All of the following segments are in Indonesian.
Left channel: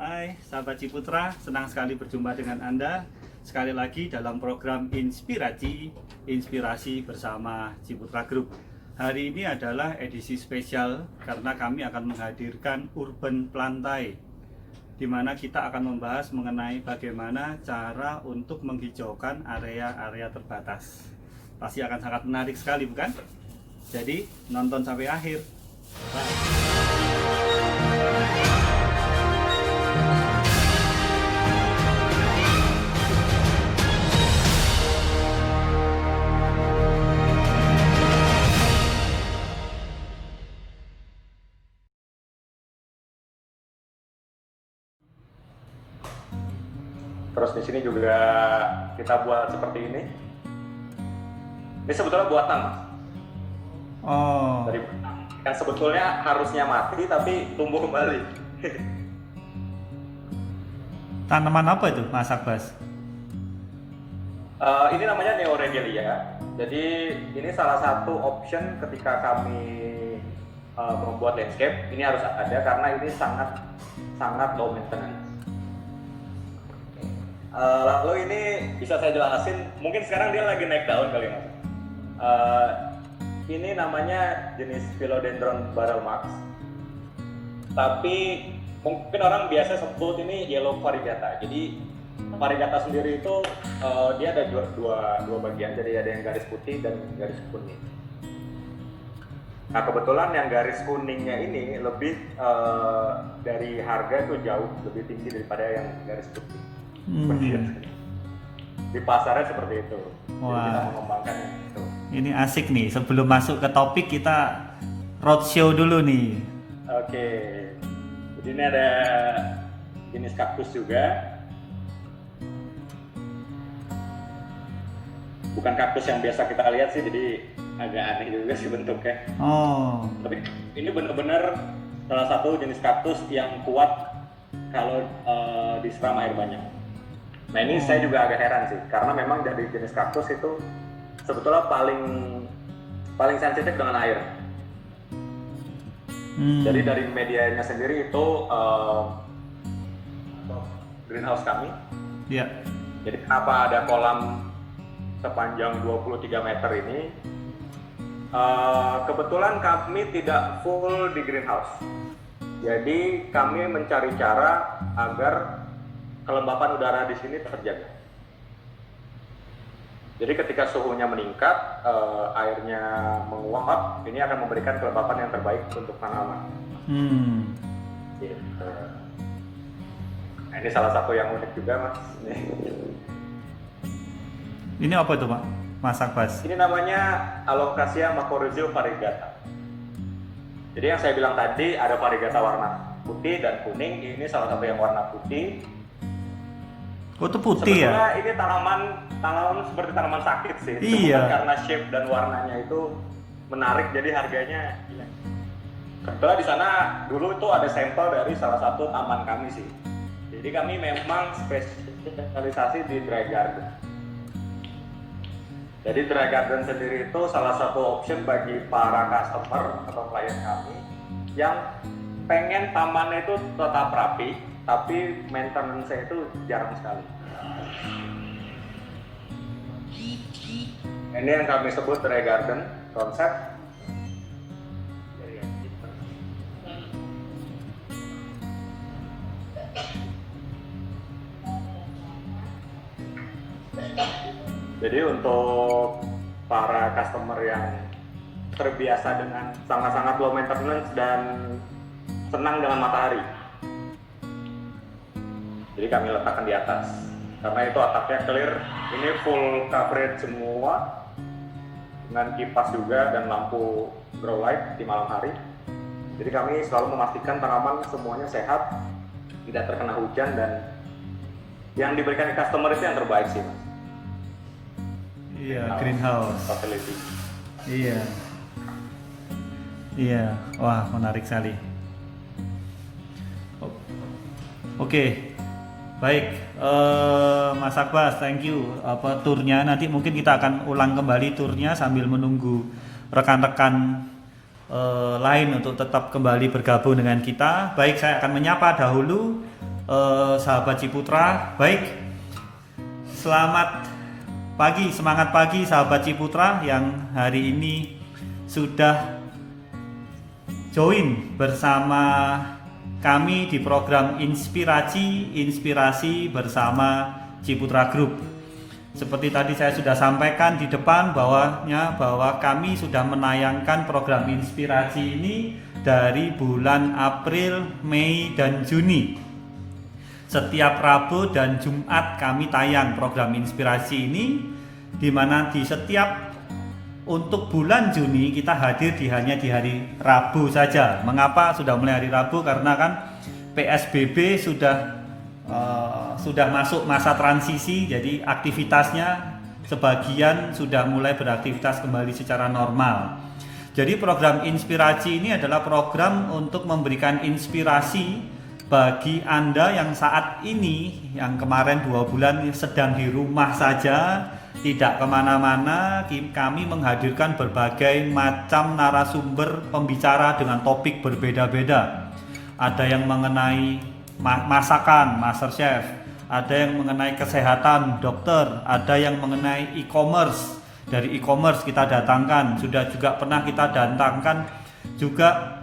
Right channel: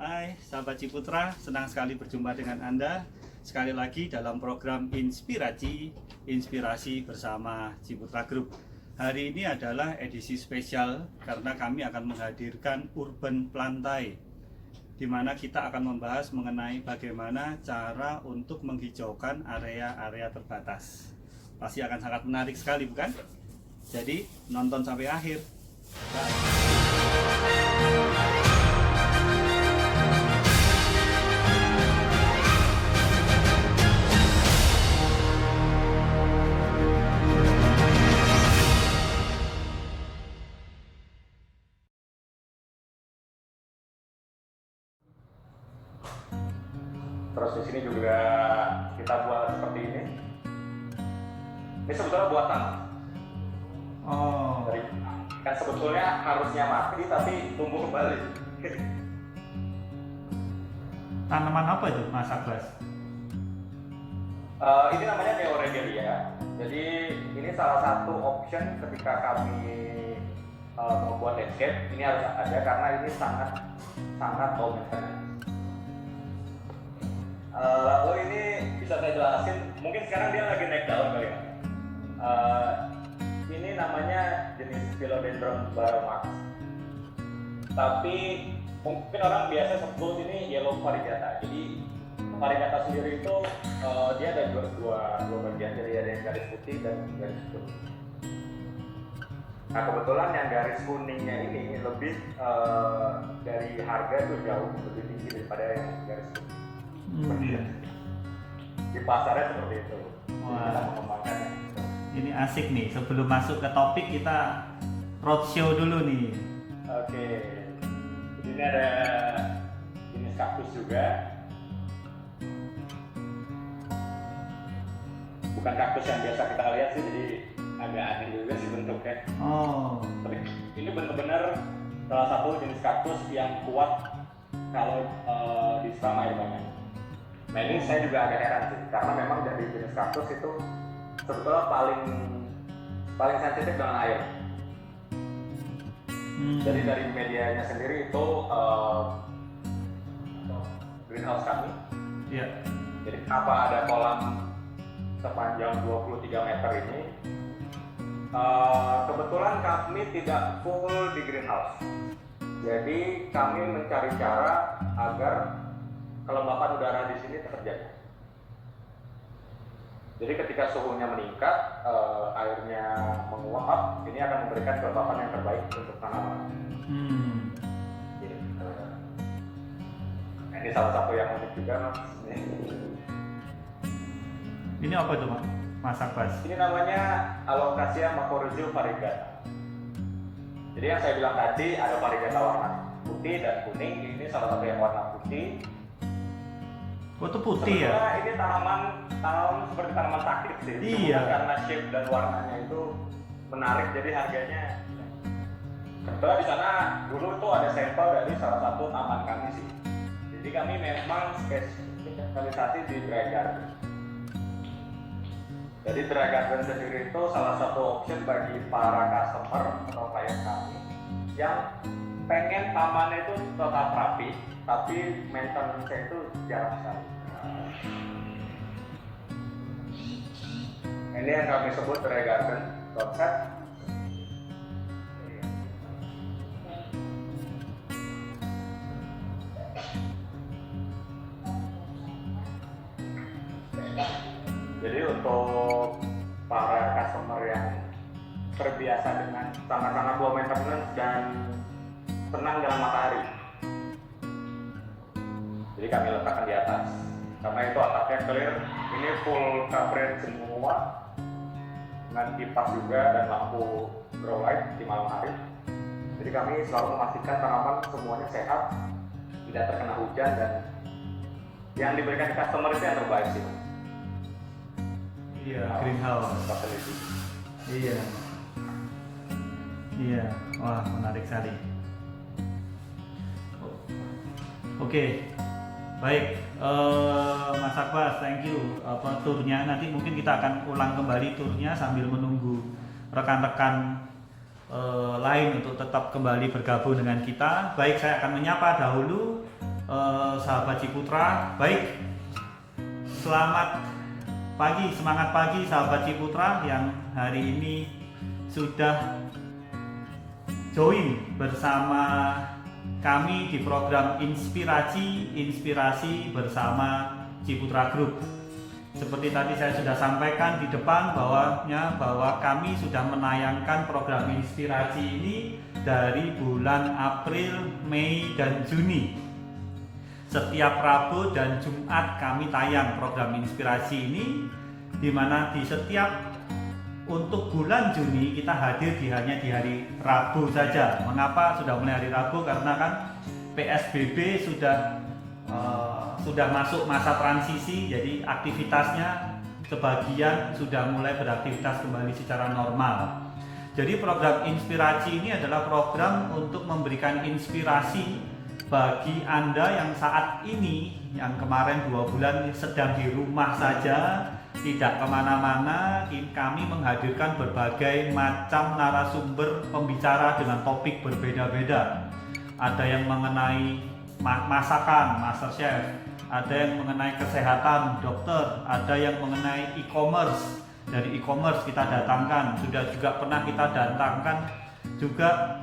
Hai sahabat Ciputra, senang sekali berjumpa dengan Anda sekali lagi dalam program Inspirasi bersama Ciputra Group. Hari ini adalah edisi spesial karena kami akan menghadirkan Urban Plantai, di mana kita akan membahas mengenai bagaimana cara untuk menghijaukan area-area terbatas. Pasti akan sangat menarik sekali, bukan? Jadi nonton sampai akhir. Bye. Terus di sini juga kita buat seperti ini. Ini sebetulnya buatan. Oh, Dari yang sebetulnya harusnya mati tapi tumbuh kembali. tanaman apa itu, Mas Abbas? Ini namanya Neoregelia. Jadi ini salah satu option ketika kami membuat landscape. Ini harus ada karena ini sangat low maintenance. Lalu ini bisa saya jelasin. Mungkin sekarang dia lagi naik daun kali mas. Ini namanya jenis Philodendron Barrelmax. Tapi mungkin orang biasa sebut ini Yellow Variegata. Jadi Variegata sendiri itu dia ada dua bagian. Jadi ada yang garis putih dan garis kuning. Nah kebetulan yang garis kuningnya ini lebih dari harga tuh jauh lebih tinggi daripada yang garis putih. Di pasarnya seperti itu. Jadi kita mengembangkannya gitu. Ini asik nih. Sebelum masuk ke topik kita roadshow dulu nih. Oke. Jadi ini ada jenis kaktus juga. Bukan kaktus yang biasa kita lihat sih, jadi agak aneh juga sih bentuknya. Oh, Tapi ini benar-benar salah satu jenis kaktus yang kuat kalau disiram air banyak. Nah ini saya juga agak heran sih, karena memang dari jenis kaktus itu sebetulnya paling sensitif dengan air. Jadi dari medianya sendiri itu greenhouse kami. ya. Jadi kenapa ada kolam sepanjang 23 meter ini? Kebetulan kami tidak full di greenhouse. Jadi kami mencari cara agar kelembapan udara di sini terjaga. Jadi ketika suhunya meningkat, airnya menguap, ini akan memberikan kelembapan yang terbaik untuk tanaman. Gitu. Nah, ini salah satu yang unik juga, Mas. Ini apa itu, Mas Abbas? Ini namanya Alocasia Mycorrhizae Variegata. Jadi yang saya bilang tadi ada variegata warna putih dan kuning. Ini salah satu yang warna putih. Oh, itu putih ya? Sebetulnya ini tanaman seperti tanaman sakit sih. Iya. Cuma karena shape dan warnanya itu menarik, jadi harganya. Kebetulan di sana dulu itu ada sampel dari salah satu taman kami sih. Jadi kami memang spesialisasi di dry garden. Jadi dry garden sendiri itu salah satu option bagi para customer atau klien kami yang pengen tamannya itu tetap rapi, tapi maintenance-nya itu jarang sekali. Ini yang kami sebut dry garden konsep. Jadi untuk para customer yang terbiasa dengan sangat-sangat low maintenance dan senang dengan matahari, jadi kami letakkan di atas karena itu atapnya clear. Ini full coverage semua dengan kipas juga dan lampu grow light di malam hari. Jadi kami selalu memastikan tanaman semuanya sehat, tidak terkena hujan, dan yang diberikan customer itu yang terbaik sih. Iya, greenhouse. Facility. Iya. Iya, wah menarik sekali. Oke, baik, Mas Abbas, thank you. Turnya nanti mungkin kita akan ulang kembali turnya sambil menunggu rekan-rekan lain untuk tetap kembali bergabung dengan kita. Baik, saya akan menyapa dahulu sahabat Ciputra. Baik, selamat pagi, semangat pagi sahabat Ciputra yang hari ini sudah join bersama kami di program Inspirasi bersama Ciputra Group. Seperti tadi saya sudah sampaikan di depan bahwa kami sudah menayangkan program Inspirasi ini dari bulan April, Mei, dan Juni. Setiap Rabu dan Jumat kami tayang program Inspirasi ini, di mana di setiap untuk bulan Juni kita hadir hanya di hari Rabu saja. Mengapa sudah mulai hari Rabu? Karena kan PSBB sudah masuk masa transisi, jadi aktivitasnya sebagian sudah mulai beraktivitas kembali secara normal. Jadi program Inspirasi ini adalah program untuk memberikan inspirasi bagi Anda yang saat ini, yang kemarin 2 bulan sedang di rumah saja, tidak kemana-mana. Kami menghadirkan berbagai macam narasumber pembicara dengan topik berbeda-beda. Ada yang mengenai masakan, master chef, ada yang mengenai kesehatan, dokter, ada yang mengenai e-commerce. Dari e-commerce kita datangkan, sudah juga pernah kita datangkan juga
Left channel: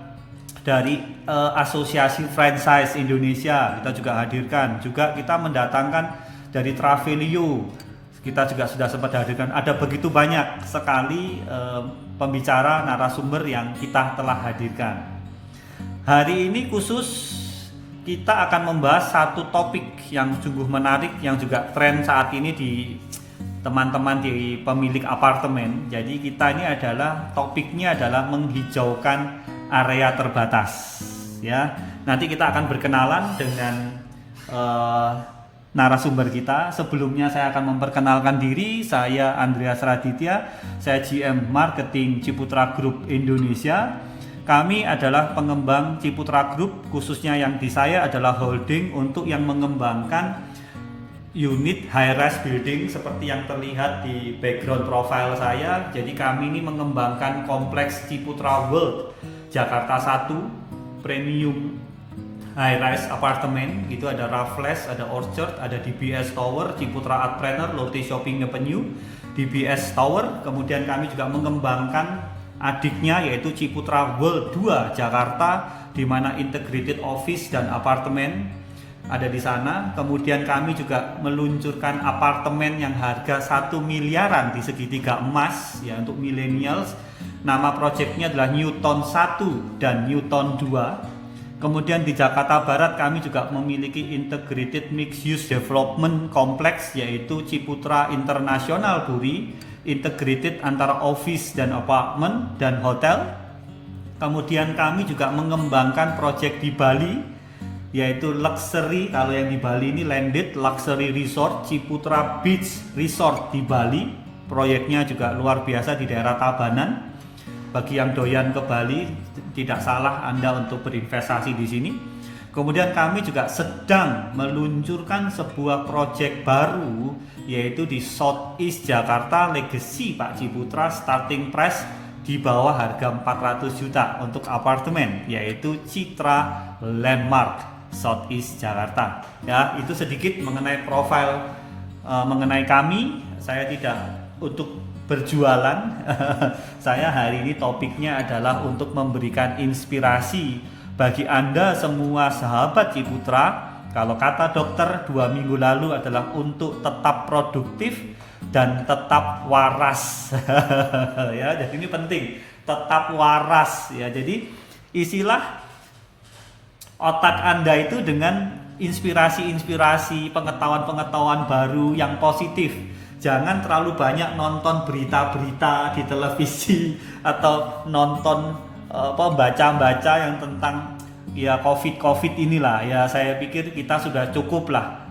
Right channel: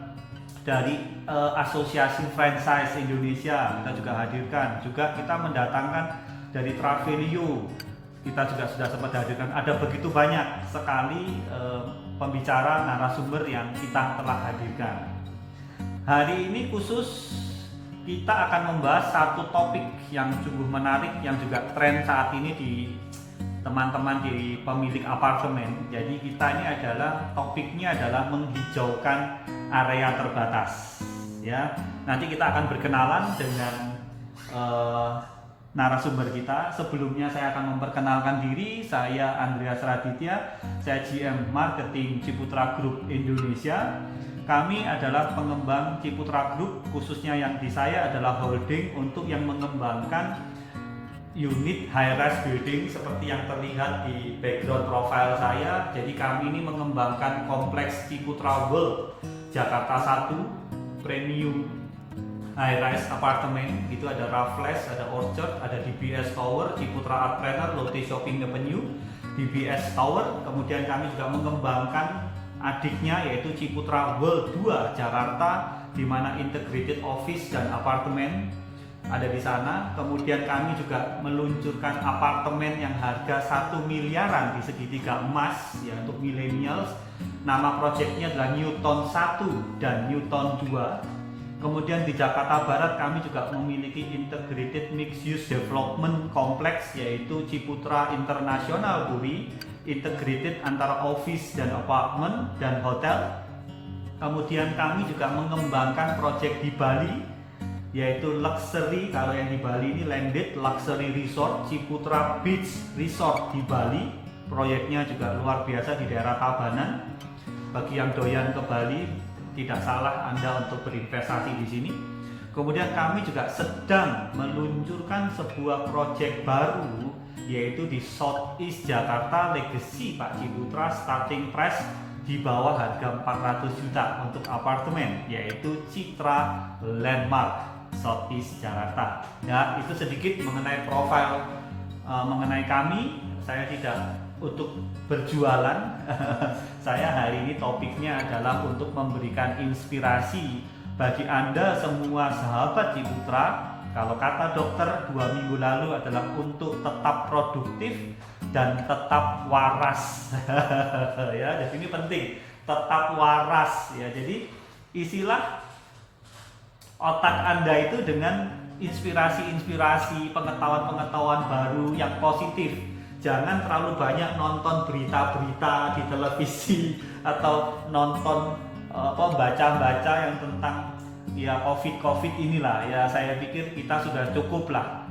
dari Asosiasi Franchise Indonesia, kita juga hadirkan. Juga kita mendatangkan dari Travelio, kita juga sudah sempat hadirkan. Ada begitu banyak sekali pembicara, narasumber yang kita telah hadirkan. Hari ini khusus kita akan membahas satu topik yang sungguh menarik, yang juga tren saat ini di teman-teman di pemilik apartemen. Jadi kita ini topiknya adalah menghijaukan area terbatas. Ya, nanti kita akan berkenalan dengan narasumber kita. Sebelumnya saya akan memperkenalkan diri. Saya Andreas Raditya, saya GM Marketing Ciputra Group Indonesia. Kami adalah pengembang Ciputra Group, khususnya yang di saya adalah holding untuk yang mengembangkan unit high-rise building seperti yang terlihat di background profile saya. Jadi kami ini mengembangkan kompleks Ciputra World Jakarta 1 premium high-rise apartemen. Gitu, ada Raffles, ada Orchard, ada DBS Tower, Ciputra Art Planner, Lotte Shopping Avenue, DBS Tower. Kemudian kami juga mengembangkan adiknya yaitu Ciputra World 2 Jakarta, di mana integrated office dan apartemen ada di sana. Kemudian kami juga meluncurkan apartemen yang harga 1 miliaran di segitiga emas ya untuk millennials. Nama proyeknya adalah Newton 1 dan Newton 2. Kemudian di Jakarta Barat kami juga memiliki integrated mixed use development complex yaitu Ciputra International Puri, integrated antara office dan apartemen dan hotel. Kemudian kami juga mengembangkan proyek di Bali yaitu luxury, kalau yang di Bali ini landed luxury resort Ciputra Beach Resort di Bali. Proyeknya juga luar biasa di daerah Tabanan. Bagi yang doyan ke Bali, tidak salah Anda untuk berinvestasi di sini. Kemudian kami juga sedang meluncurkan sebuah proyek baru yaitu di Southeast Jakarta Legacy Pak Ciputra, starting price di bawah harga 400 juta untuk apartemen yaitu Citra Landmark Southeast Jakarta. Ya, itu sedikit mengenai profil mengenai kami. Saya tidak untuk berjualan. Saya hari ini topiknya adalah untuk memberikan inspirasi bagi Anda semua sahabat Ciputra. Kalau kata dokter 2 minggu lalu adalah untuk tetap produktif dan tetap waras. Ya, jadi ini penting, tetap waras ya. Jadi isilah otak Anda itu dengan inspirasi-inspirasi, pengetahuan-pengetahuan baru yang positif. Jangan terlalu banyak nonton berita-berita di televisi atau nonton baca-baca yang tentang ya COVID inilah. Ya saya pikir kita sudah cukup lah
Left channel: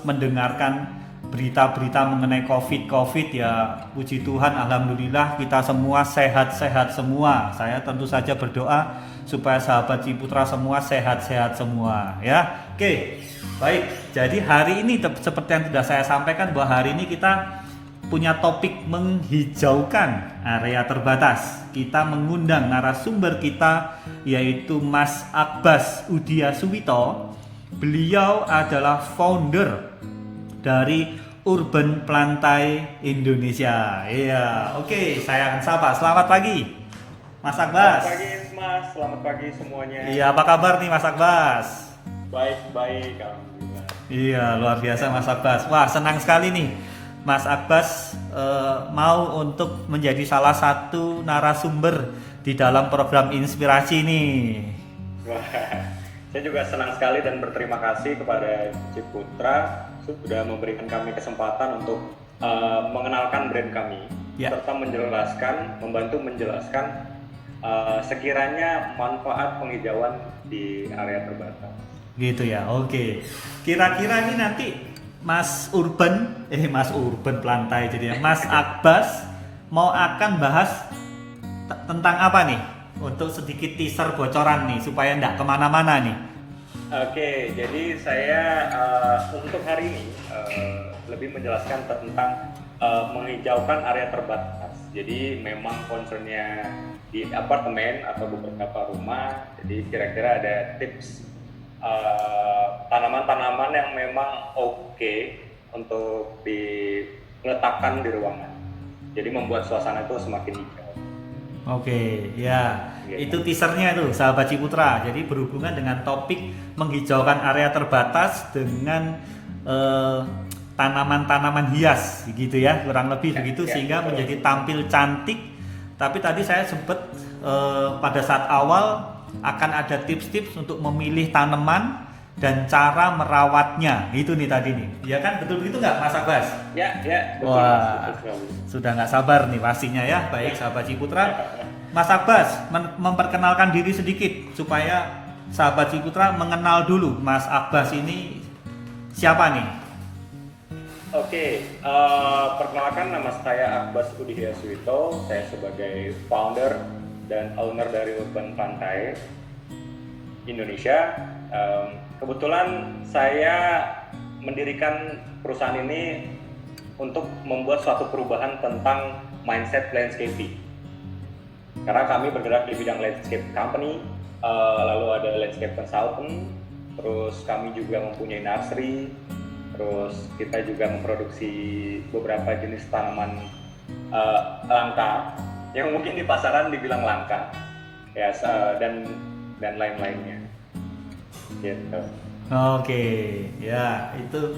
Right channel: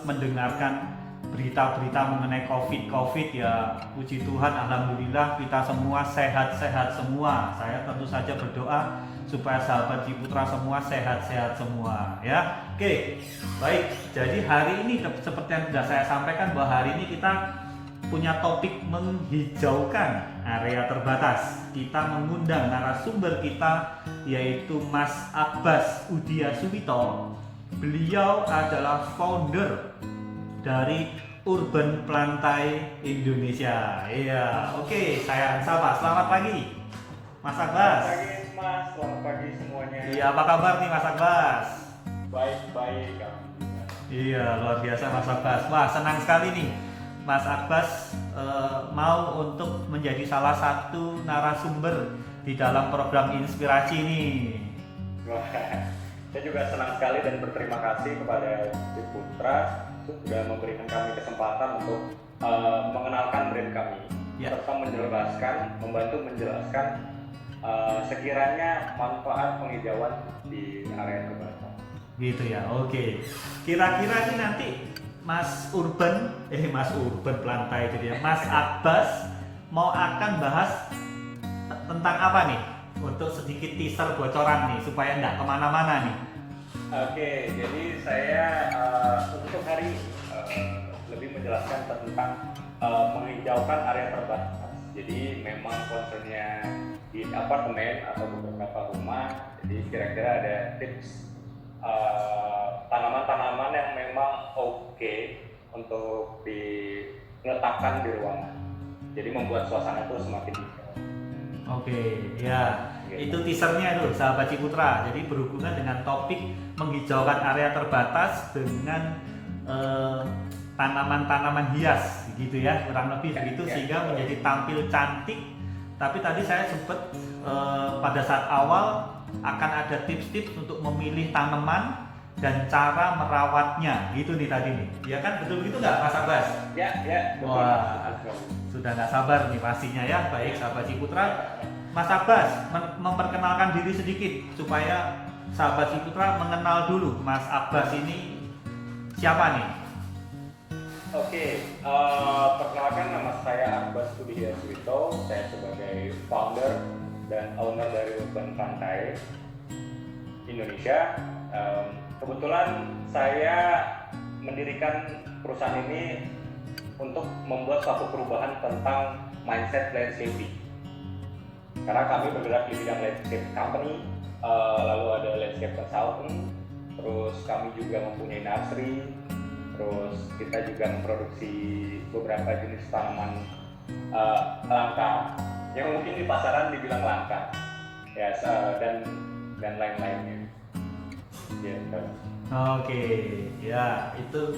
mendengarkan berita-berita mengenai COVID ya. Puji Tuhan, alhamdulillah kita semua sehat-sehat semua. Saya tentu saja berdoa supaya sahabat Ciputra semua sehat-sehat semua ya. Oke, baik. Jadi hari ini seperti yang sudah saya sampaikan bahwa hari ini kita punya topik menghijaukan area terbatas. Kita mengundang narasumber kita yaitu Mas Abbas Udia Suwito. Beliau adalah founder dari Urban Plantai Indonesia. Iya, oke, saya akan sapa. Selamat pagi, Mas Akbas. Selamat pagi Mas, selamat pagi semuanya. Iya, apa kabar nih Mas Akbas? Baik, alhamdulillah. Iya, luar biasa Mas Akbas. Wah, senang sekali nih Mas Akbas mau untuk menjadi salah satu narasumber di dalam program inspirasi nih. Wah, saya juga senang sekali dan berterima kasih kepada Ciputra sudah memberikan kami kesempatan untuk mengenalkan brand kami, Ya. serta membantu menjelaskan sekiranya manfaat penghijauan di area terbatas. Gitu ya, oke. Kira-kira ini nanti Mas Urban Plantai jadinya, Mas Akbas mau akan bahas tentang apa nih? Untuk sedikit teaser bocoran nih, supaya nggak kemana-mana nih. Oke, jadi saya untuk hari ini lebih menjelaskan tentang menghijaukan area terbatas. Jadi memang concernnya di apartemen atau beberapa rumah. Jadi kira-kira ada tips tanaman-tanaman yang memang oke untuk diletakkan di ruangan. Jadi membuat suasana itu semakin hijau. Oke, ya. Itu teasernya tuh, sahabat Ciputra. Jadi berhubungan dengan topik menghijaukan area terbatas dengan tanaman-tanaman hias gitu ya, kurang lebih begitu, sehingga menjadi tampil cantik. Tapi tadi saya sempat pada saat awal akan ada tips-tips untuk memilih tanaman dan cara merawatnya, gitu nih tadi nih. Ya kan, betul begitu nggak Mas Abbas? Ya, betul. Wah, betul. sudah nggak sabar nih pastinya ya. Baik sahabat Ciputra, Mas Abbas memperkenalkan diri sedikit supaya sahabat Ciputra mengenal dulu Mas Abbas ini siapa nih? Oke, perkenalkan nama saya Akbas Udihya Suwito. Saya sebagai founder dan owner dari Urban Plantai Indonesia. Kebetulan saya mendirikan perusahaan ini untuk membuat suatu perubahan tentang mindset landscaping. Karena kami bergerak di bidang landscape company, lalu ada landscape consultant, terus kami juga mempunyai nursery, terus kita juga memproduksi beberapa jenis tanaman langka yang mungkin di pasaran dibilang langka, ya, dan lain-lainnya. Gitu. Oke, ya itu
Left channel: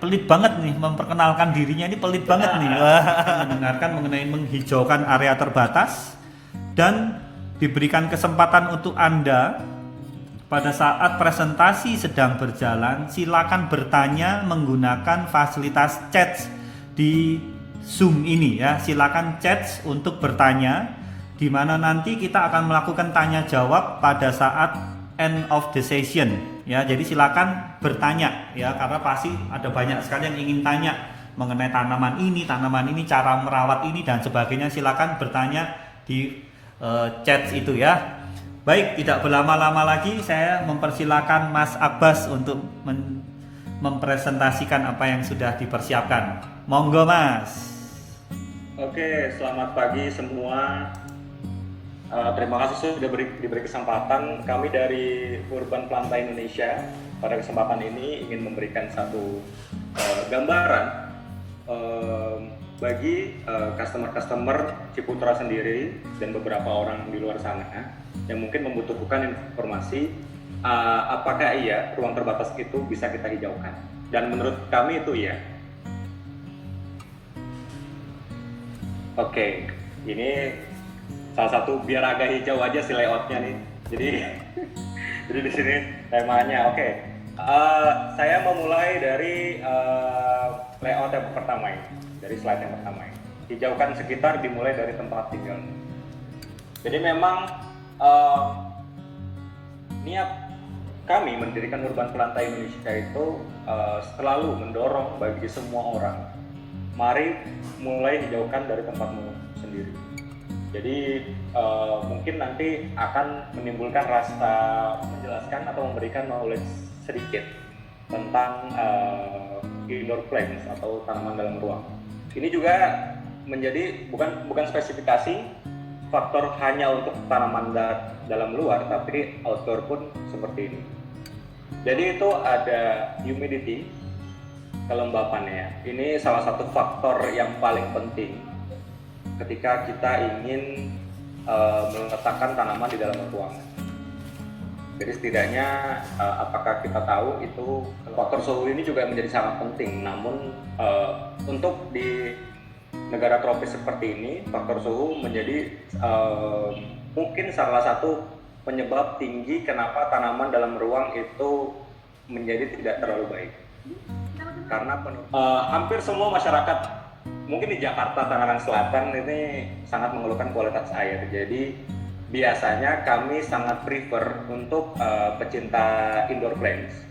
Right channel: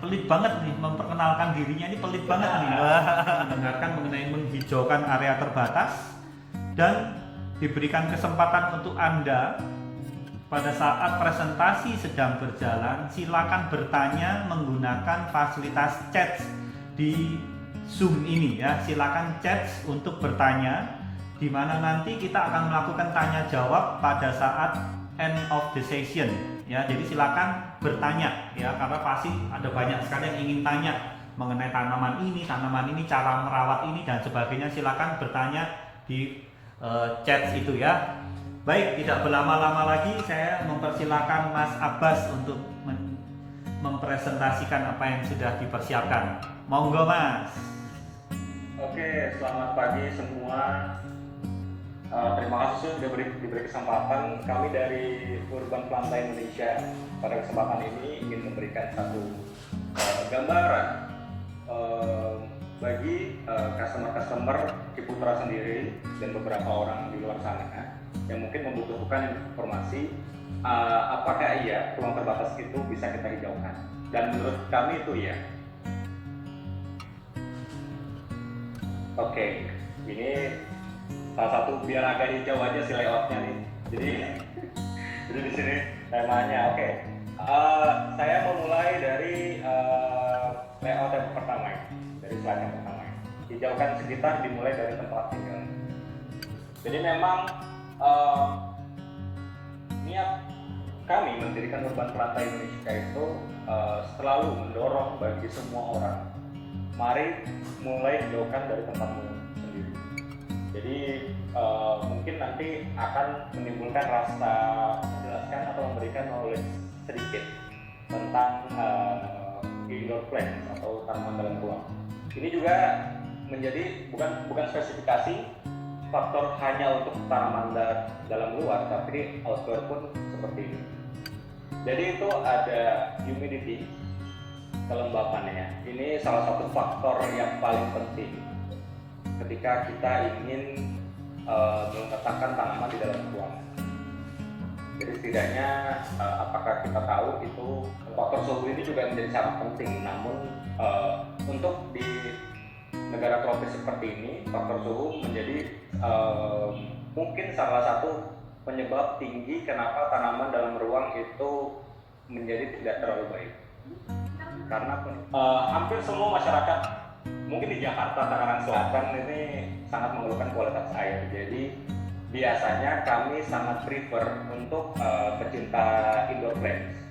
pelit banget nih memperkenalkan dirinya, ini pelit banget nih mendengarkan mengenai menghijaukan area terbatas, dan diberikan kesempatan untuk Anda pada saat presentasi sedang berjalan silakan bertanya menggunakan fasilitas chat di Zoom ini ya. Silakan chat untuk bertanya, di mana nanti kita akan melakukan tanya jawab pada saat end of the session ya. Jadi silakan bertanya ya, karena pasti ada banyak sekali yang ingin tanya mengenai tanaman ini, cara merawat ini dan sebagainya. Silakan bertanya di chat itu ya. Baik, tidak berlama-lama lagi saya mempersilakan Mas Abbas untuk mempresentasikan apa yang sudah dipersiapkan. Monggo Mas. Oke, selamat pagi semua. Terima kasih sudah diberi kesempatan. Kami dari Urban Plantai Indonesia pada kesempatan ini ingin memberikan satu gambaran bagi customer-customer Ciputra sendiri dan beberapa orang di luar sana yang mungkin membutuhkan informasi apakah iya ruang terbatas itu bisa kita hijaukan. Dan menurut kami itu iya. Oke, ini salah satu biar agak hijau aja si layoutnya nih. Jadi di sini temanya. Oke, saya memulai dari layout yang pertama ini, dari slide yang pertama ini. Hijaukan sekitar dimulai dari tempat tinggal. Jadi memang niat kami mendirikan Urban Plantai Indonesia itu selalu mendorong bagi semua orang, mari mulai hijaukan dari tempatmu sendiri. Jadi mungkin nanti akan menimbulkan rasa menjelaskan atau memberikan knowledge sedikit tentang indoor plants atau tanaman dalam ruang. Ini juga menjadi bukan spesifikasi, faktor hanya untuk tanaman dalam luar, tapi outdoor pun seperti ini. Jadi itu ada humidity, kelembapannya. Ini salah satu faktor yang paling penting ketika kita ingin meletakkan tanaman di dalam ruangan. Jadi setidaknya apakah kita tahu itu faktor suhu ini juga menjadi sangat penting. Namun untuk di negara tropis seperti ini, faktor suhu menjadi mungkin salah satu penyebab tinggi kenapa tanaman dalam ruang itu menjadi tidak terlalu baik. Karena hampir semua masyarakat, mungkin di Jakarta Tangerang Selatan ini sangat mengeluhkan kualitas air. Jadi biasanya kami sangat prefer untuk pecinta indoor plants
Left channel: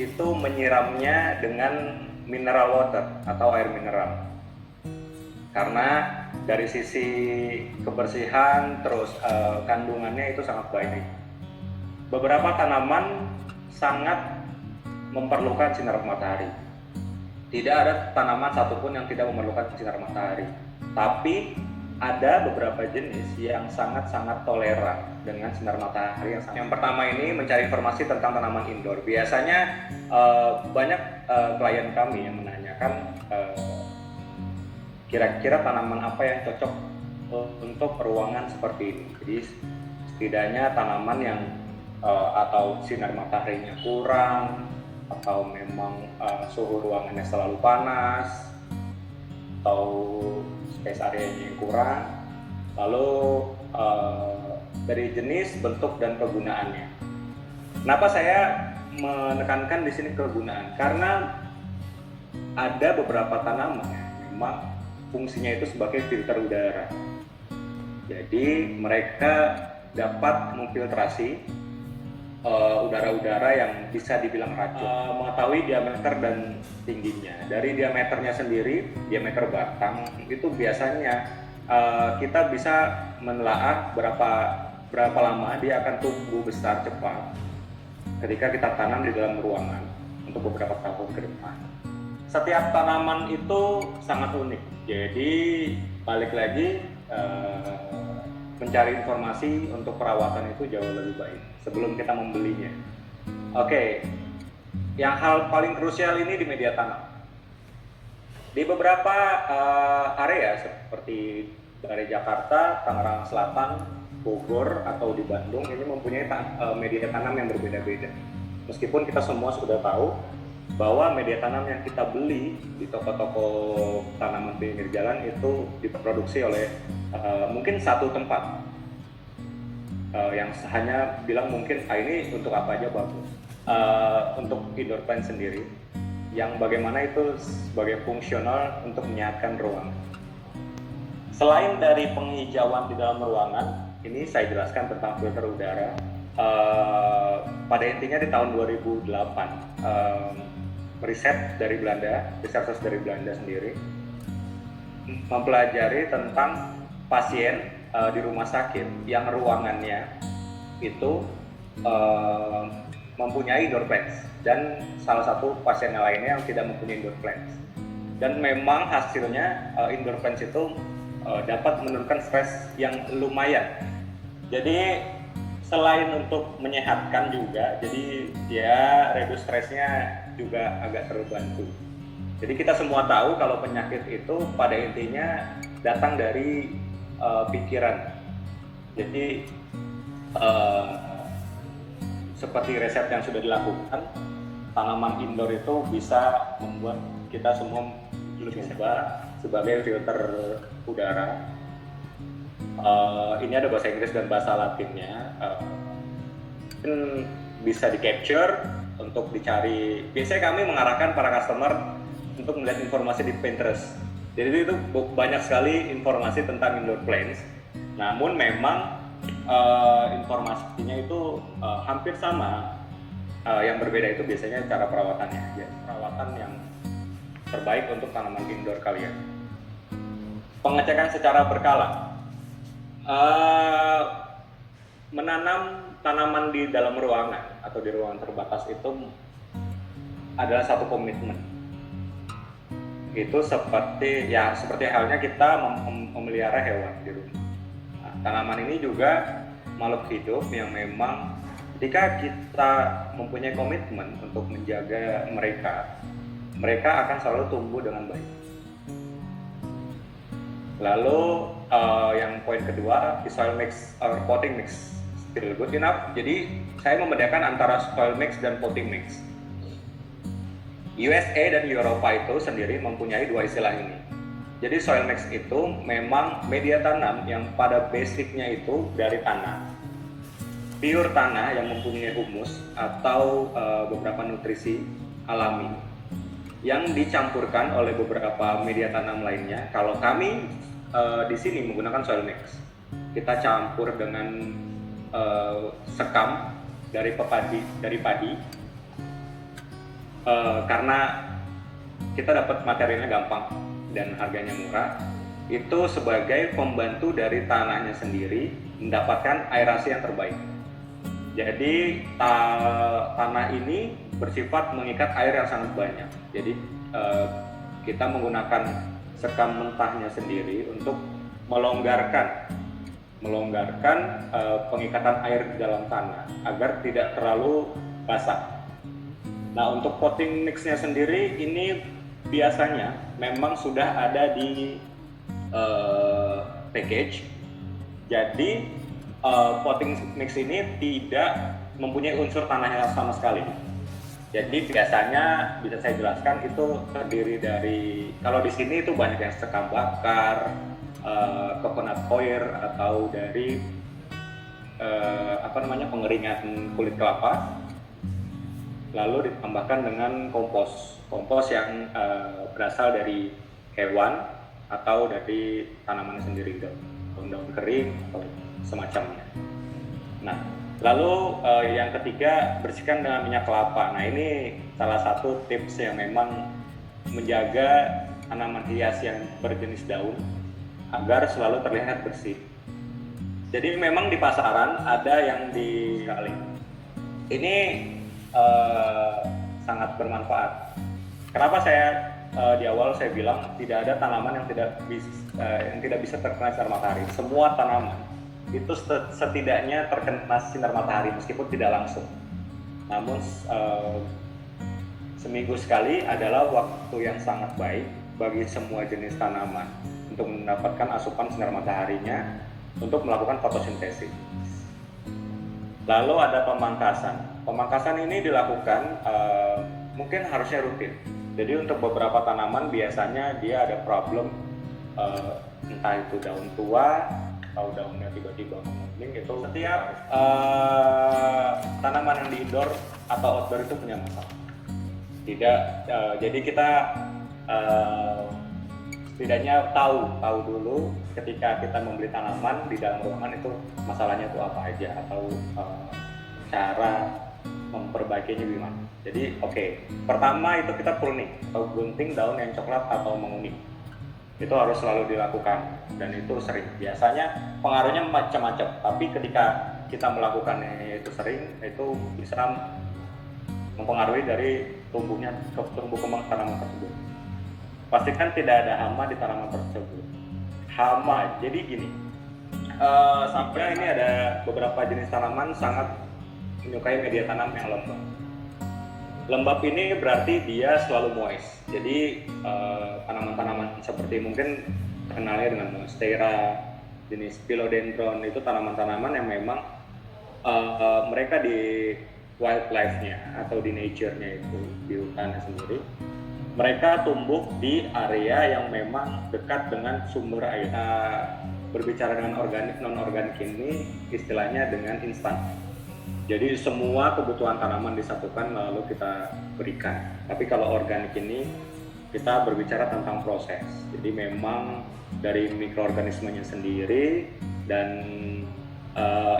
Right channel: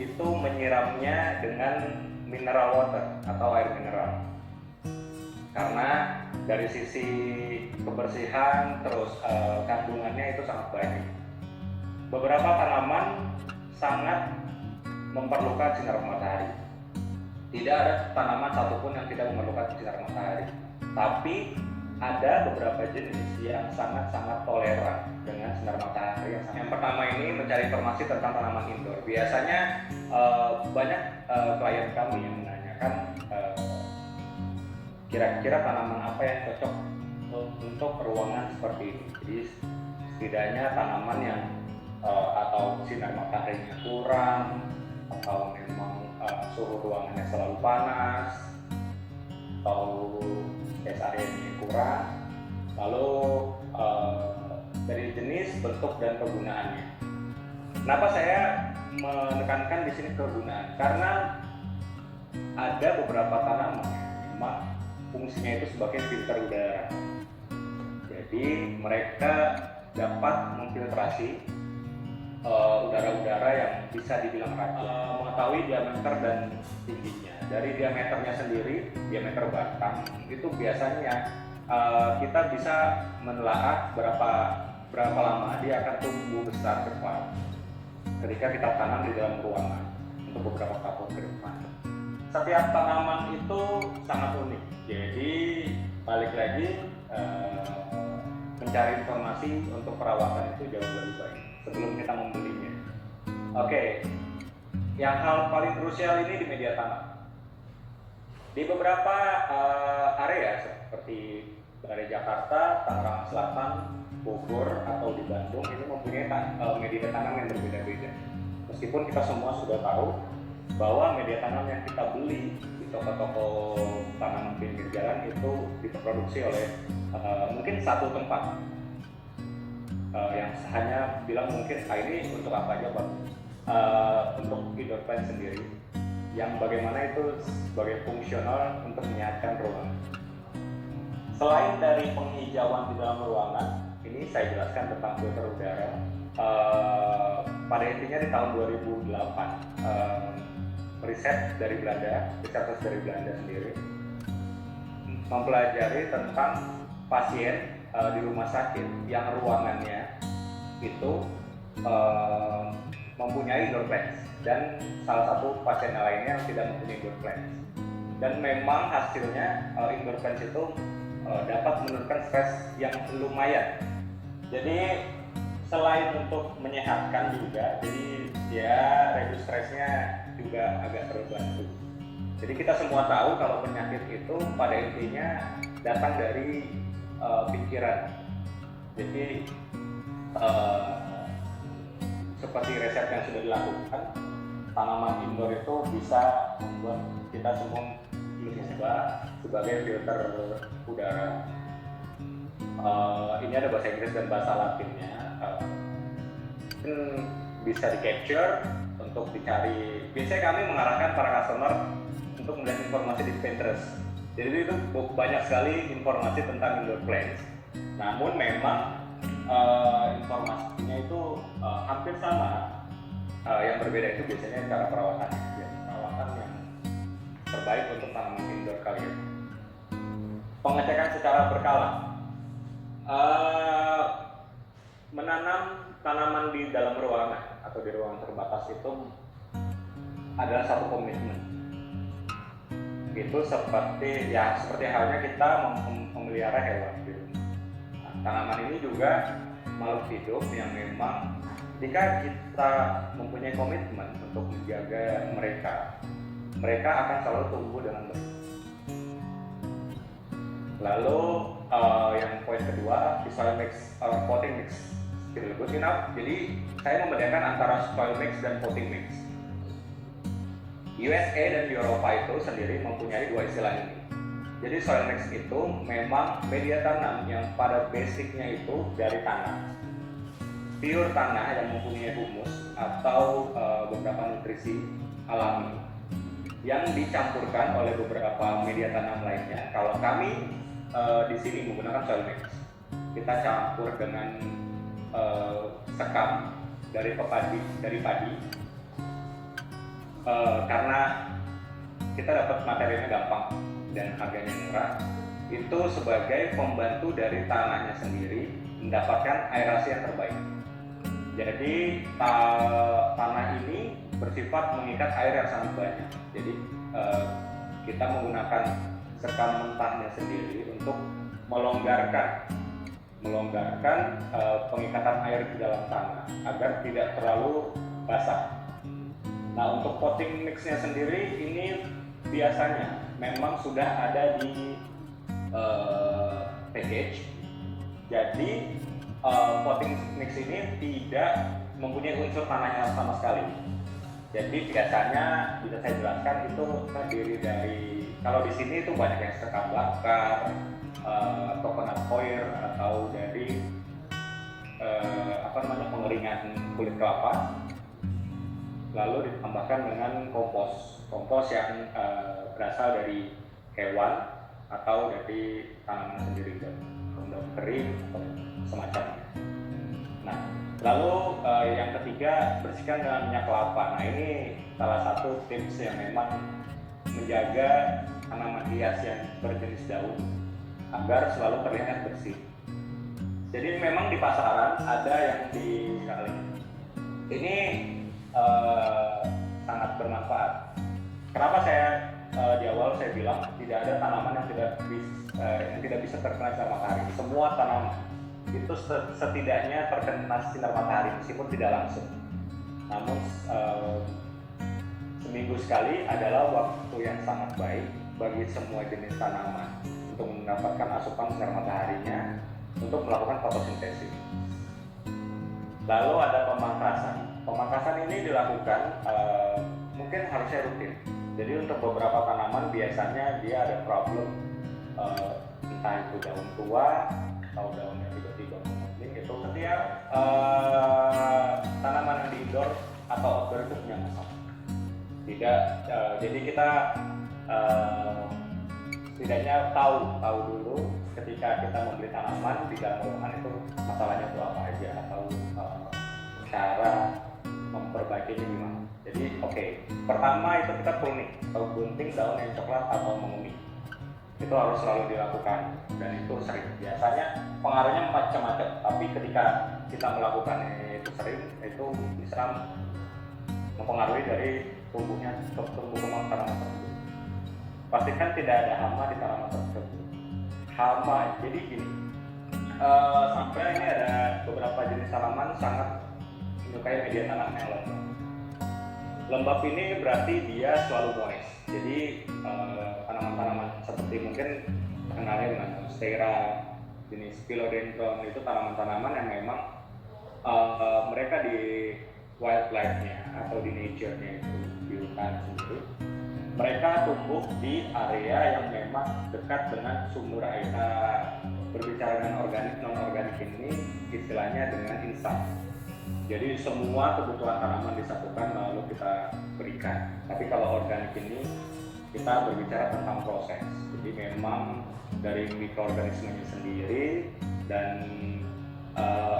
itu menyiramnya dengan mineral water atau air mineral, karena dari sisi kebersihan terus kandungannya itu sangat baik. Beberapa tanaman sangat memerlukan sinar matahari. Tidak ada tanaman satupun yang tidak memerlukan sinar matahari, tapi ada beberapa jenis yang sangat-sangat toleran dengan sinar matahari yang pertama ini mencari informasi tentang tanaman indoor. Biasanya banyak klien kami yang menanyakan kira-kira tanaman apa yang cocok untuk ruangan seperti ini. Jadi setidaknya tanaman yang atau sinar mataharinya kurang, atau memang suhu ruangannya selalu panas, atau space area-nya yang kurang, lalu dari jenis, bentuk, dan kegunaannya. Kenapa saya menekankan di sini kegunaan? Karena ada beberapa tanaman memang fungsinya itu sebagai filter udara. Jadi mereka dapat memfiltrasi udara-udara yang bisa dibilang racun. Mengetahui diameter dan tingginya. Dari diameternya sendiri, diameter batang itu biasanya kita bisa menelaah berapa lama dia akan tumbuh besar cepat ketika kita tanam di dalam ruangan untuk beberapa tahun ke depan. Setiap tanaman itu sangat unik. Jadi balik lagi mencari informasi untuk perawatan itu jauh lebih baik sebelum kita membelinya. Oke, yang hal paling krusial ini di media tanam. Di beberapa area seperti dari Jakarta, Tangerang Selatan, Bogor, atau di Bandung ini mempunyai media tanam yang berbeda-beda. Meskipun kita semua sudah tahu bahwa media tanam yang kita beli di toko-toko tanaman pinggir jalan itu diproduksi oleh mungkin satu tempat yang hanya bilang mungkin ini untuk apa aja bagus, untuk indoor plant sendiri yang bagaimana itu sebagai fungsional untuk menyehatkan ruang. Selain dari penghijauan di dalam ruangan, ini saya jelaskan tentang filter udara. Pada intinya di tahun 2008 riset dari Belanda, researchers dari Belanda sendiri mempelajari tentang pasien di rumah sakit yang ruangannya itu mempunyai indoor plants dan salah satu pasien lainnya yang tidak mempunyai indoor plants. Dan memang hasilnya indoor plants itu dapat menurunkan stres yang lumayan. Jadi selain untuk menyehatkan juga, jadi ya reduce stresnya juga agak terbantu. Jadi kita semua tahu kalau penyakit itu pada intinya datang dari pikiran. Jadi seperti riset yang sudah dilakukan, tanaman indoor itu bisa membuat kita semua lebih berubah sebagai filter udara. Ini ada bahasa Inggris dan bahasa Latinnya. Bisa di capture untuk dicari. Biasanya kami mengarahkan para customer untuk melihat informasi di Pinterest. Jadi itu banyak sekali informasi tentang indoor plants. Namun memang informasinya itu hampir sama. Yang berbeda itu biasanya cara perawatannya. Perawatan yang terbaik untuk tanaman indoor kalian. Pengecekan secara berkala. Menanam tanaman di dalam ruangan atau di ruangan terbatas itu adalah satu komitmen. Itu seperti halnya kita memelihara hewan di rumah. Nah, tanaman ini juga makhluk hidup yang memang ketika kita mempunyai komitmen untuk menjaga mereka, mereka akan selalu tumbuh dengan baik. Lalu yang poin kedua, soil mix or potting mix still good enough. Jadi saya membedakan antara soil mix dan potting mix. USA dan Eropa itu sendiri mempunyai dua istilah ini. Jadi soil mix itu memang media tanam yang pada basicnya itu dari tanah, pure tanah yang mempunyai humus atau beberapa nutrisi alami yang dicampurkan oleh beberapa media tanam lainnya. Kalau kami di sini menggunakan soil mix, kita campur dengan sekam dari padi, karena kita dapat materialnya gampang dan harganya murah. Itu sebagai pembantu dari tanahnya sendiri mendapatkan aerasi yang terbaik. Jadi tanah ini bersifat mengikat air yang sangat banyak. Jadi kita menggunakan sekam mentahnya sendiri untuk melonggarkan pengikatan air di dalam tanah agar tidak terlalu basah. Nah, untuk potting mixnya sendiri ini biasanya memang sudah ada di package. Jadi potting mix ini tidak mempunyai unsur tanah yang sama sekali. Jadi biasanya bisa saya jelaskan itu terdiri dari, kalau di sini itu banyak yang sekam bakar, coconut coir atau dari pengeringan kulit kelapa, lalu ditambahkan dengan kompos yang berasal dari hewan atau dari tanaman sendiri, daun kering atau semacamnya. Nah, lalu yang ketiga, bersihkan dengan minyak kelapa. Nah, ini salah satu tips yang memang menjaga tanaman hias yang berjenis daun agar selalu terlihat bersih. Jadi memang di pasaran ada yang di kali. Ini sangat bermanfaat. Kenapa saya di awal saya bilang tidak ada tanaman yang tidak bisa terkena sinar matahari. Semua tanaman itu setidaknya terkena sinar matahari meskipun tidak langsung. Namun seminggu sekali adalah waktu yang sangat baik bagi semua jenis tanaman untuk mendapatkan asupan sinar mataharinya untuk melakukan fotosintesis. Lalu ada pemangkasan. Pemangkasan ini dilakukan mungkin harusnya rutin. Jadi untuk beberapa tanaman biasanya dia ada problem entah itu daun tua atau daunnya tiba-tiba menguning. Itu setiap tanaman yang di indoor atau outdoor itu punya masalah. Jadi kita setidaknya tahu dulu ketika kita membeli tanaman di dalam ruangan itu masalahnya itu apa aja atau cara memperbaikinya gimana. Jadi pertama itu kita pruning atau gunting daun yang coklat atau menguning. Itu harus selalu dilakukan dan itu sering. Biasanya pengaruhnya macam-macam, tapi ketika kita melakukannya itu sering, itu bisa mempengaruhi dari tumbuh kembang tanaman tersebut. Pastikan tidak ada hama di tanaman tersebut. Hama, jadi gini, sampai ini ada beberapa jenis tanaman sangat menyukai media tanam yang lembab. Lembab ini berarti dia selalu moist. Jadi tanaman-tanaman seperti mungkin kenalnya dengan monstera, jenis philodendron, itu tanaman-tanaman yang memang mereka di wildlife-nya atau di nature-nya itu, di hutannya sendiri, mereka tumbuh di area yang memang dekat dengan sumber air. Berbicara dengan organik, non-organik ini istilahnya dengan instan. Jadi semua kebutuhan tanaman disatukan lalu kita berikan. Tapi kalau organik ini kita berbicara tentang proses. Jadi memang dari mikroorganismenya sendiri dan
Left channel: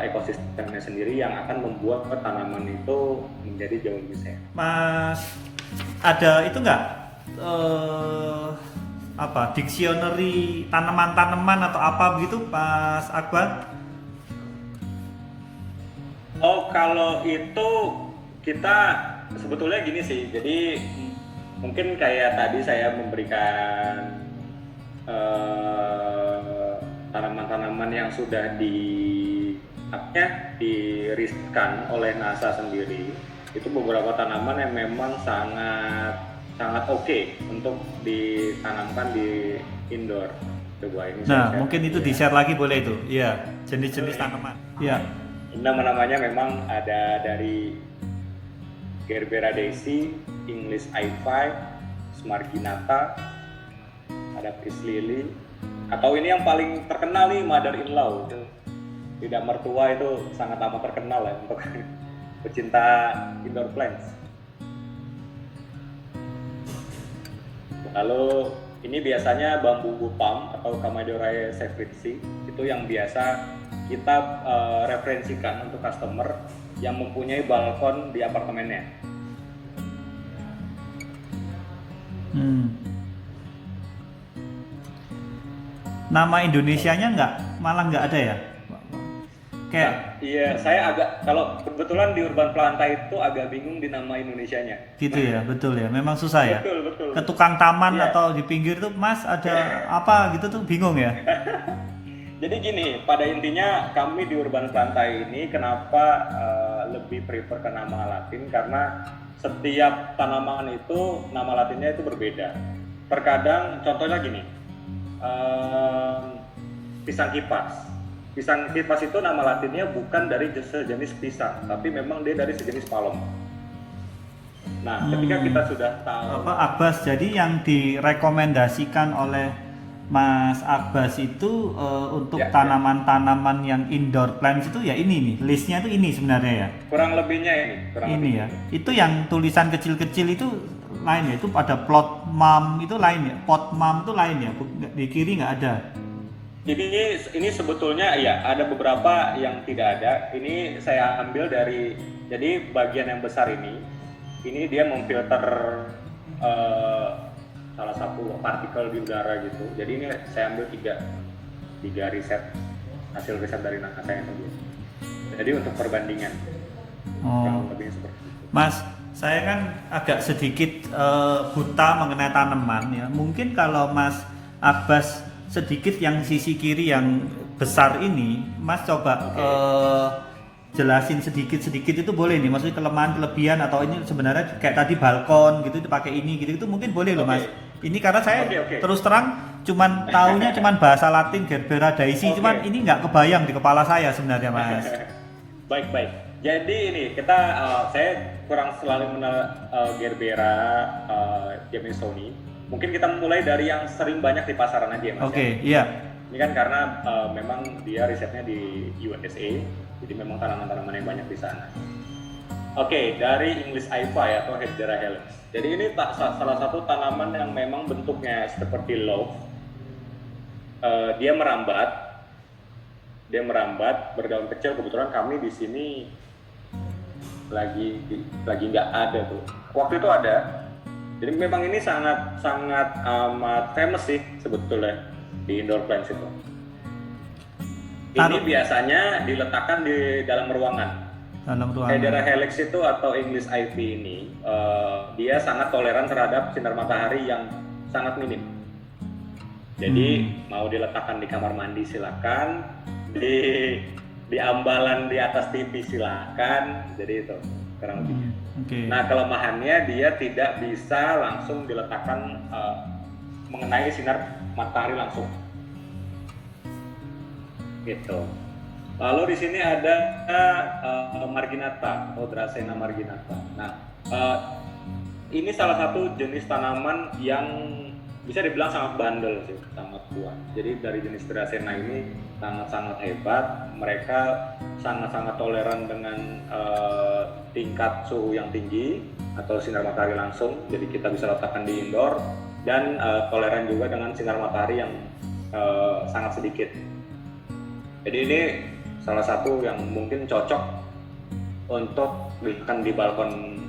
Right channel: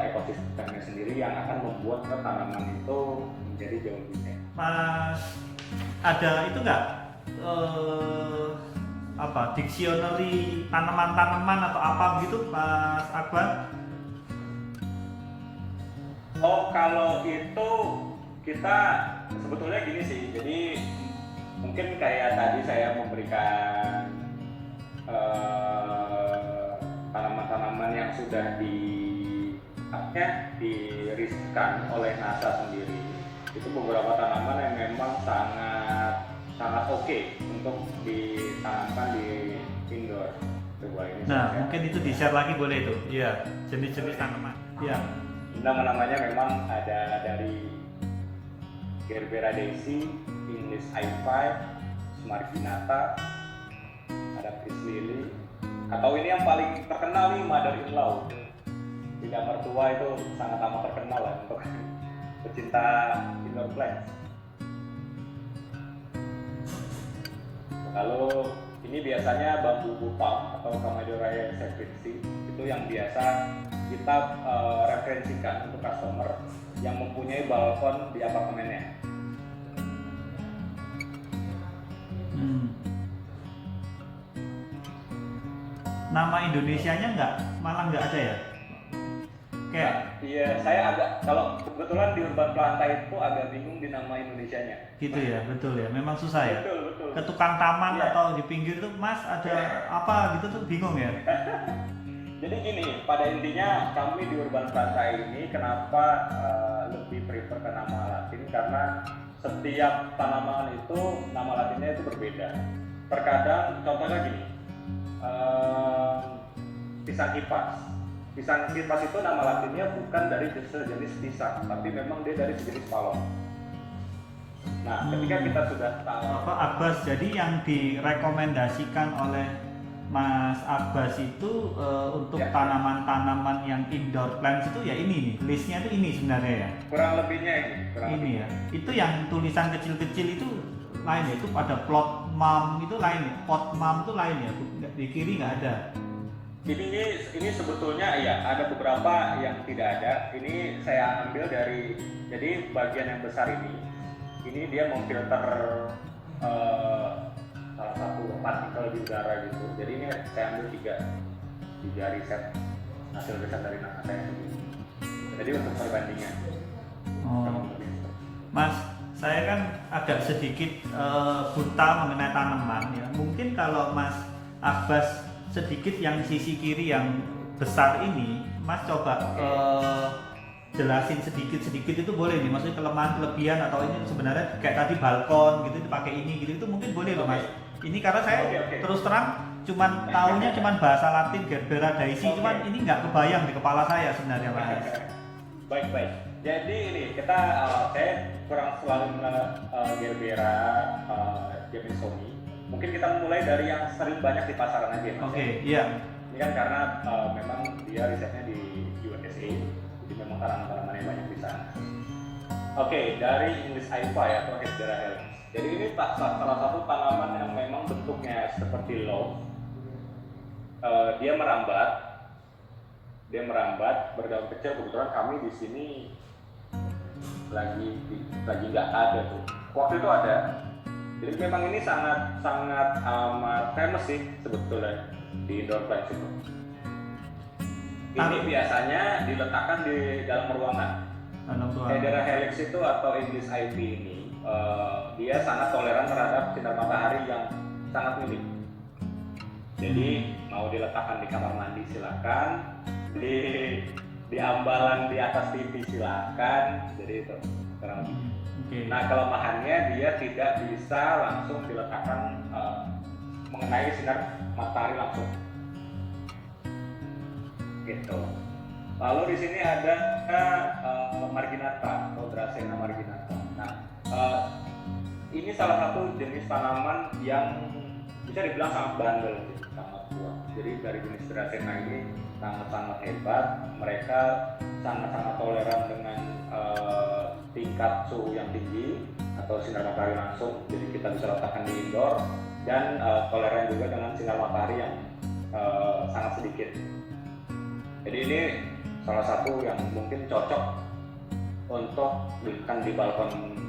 ekosistemnya sendiri yang akan membuat tanaman itu menjadi jauh lebih sehat. Mas, ada itu enggak dictionary tanaman-tanaman atau apa begitu, Mas Akbar? Oh, kalau itu kita sebetulnya gini sih. Jadi mungkin kayak tadi saya memberikan tanaman-tanaman yang sudah diriskan oleh NASA sendiri, itu beberapa tanaman yang memang sangat oke untuk ditanamkan di indoor. Coba ini. Nah, mungkin itu di-share lagi boleh itu. Iya, jenis-jenis tanaman. Iya. Nama-namanya memang ada dari Gerbera daisy, English I5, Smarginata, ada Peace Lily, atau ini yang paling terkenal nih, Mother in Law. Tidak mertua itu sangat amat terkenal ya untuk pecinta indoor plants. Lalu ini biasanya bambu palm atau Camadiorae sefritzi, itu yang biasa kita referensikan untuk customer yang mempunyai balkon di apartemennya. Nama Indonesianya malah nggak ada ya? Kayak iya, saya kalau kebetulan di Urban Planta itu agak bingung di nama Indonesianya. Gitu ya, betul ya. Memang susah ya. Betul. Ke tukang taman atau di pinggir tuh, Mas ada apa gitu tuh bingung ya. Jadi gini, pada intinya kami di Urban Planta ini kenapa lebih prefer ke nama Latin, karena setiap tanaman itu nama Latinnya itu berbeda. Terkadang contohnya gini, pisang kipas. Pisang kipas itu nama Latinnya bukan dari sejenis pisang, tapi memang dia dari sejenis palem. Nah, ketika kita sudah tahu Abbas, jadi yang direkomendasikan oleh Mas Abbas itu untuk tanaman-tanaman yang indoor plants itu ya ini nih, listnya itu ini sebenarnya ya. Kurang lebihnya ini. Ya. Itu yang tulisan kecil-kecil itu lain ya, itu ada plot mum itu lain ya, pot mum itu lain ya, di kiri nggak ada. Ini sebetulnya ya ada beberapa yang tidak ada. Ini saya ambil dari, jadi bagian yang besar ini dia memfilter salah satu partikel di udara gitu. Jadi ini saya ambil tiga hasil riset dari NASA yang sebelumnya. Jadi untuk perbandingan. Lebih seperti itu. Mas, saya kan agak sedikit buta mengenai tanaman ya. Mungkin kalau Mas Abbas sedikit yang sisi kiri yang besar ini, Mas coba jelasin sedikit itu boleh nih, maksudnya kelemahan kelebihan atau ini sebenarnya kayak tadi balkon gitu itu pakai ini gitu itu mungkin boleh loh Mas. Ini karena saya terus terang cuman taunya cuman bahasa Latin Gerbera daisy, cuman ini nggak kebayang di kepala saya sebenarnya Mas. Baik. Jadi ini saya kurang selalu mengenal Gerbera Jamisoni. Mungkin kita mulai dari yang sering banyak di pasaran aja ya Mas. Iya. Ini kan karena memang dia risetnya di USA, jadi memang tanaman-tanaman yang banyak di sana. Dari English I5 atau Hedera helix. Jadi ini salah satu tanaman yang memang bentuknya seperti love. Dia merambat berdaun kecil. Kebetulan kami di sini lagi nggak ada tuh. Waktu itu ada. Jadi memang ini sangat amat famous sih sebetulnya di indoor plants itu. Ini biasanya diletakkan di dalam ruangan. Hedera helix itu atau English ivy ini dia sangat toleran terhadap sinar matahari yang sangat minim. Jadi mau diletakkan di kamar mandi silakan, di ambalan di atas TV silakan. Jadi itu kurang lebih. Nah, kelemahannya dia tidak bisa langsung diletakkan mengenai sinar matahari langsung. Gitu. Lalu di sini ada marginata atau Dracena marginata. Nah, ini salah satu jenis tanaman yang bisa dibilang sangat bandel sih, sangat kuat. Jadi dari jenis Dracena ini sangat-sangat hebat. Mereka sangat-sangat toleran dengan tingkat suhu yang tinggi atau sinar matahari langsung. Jadi kita bisa letakkan di indoor dan toleran juga dengan sinar matahari yang sangat sedikit. Jadi ini salah satu yang mungkin cocok untuk diletakkan di balkon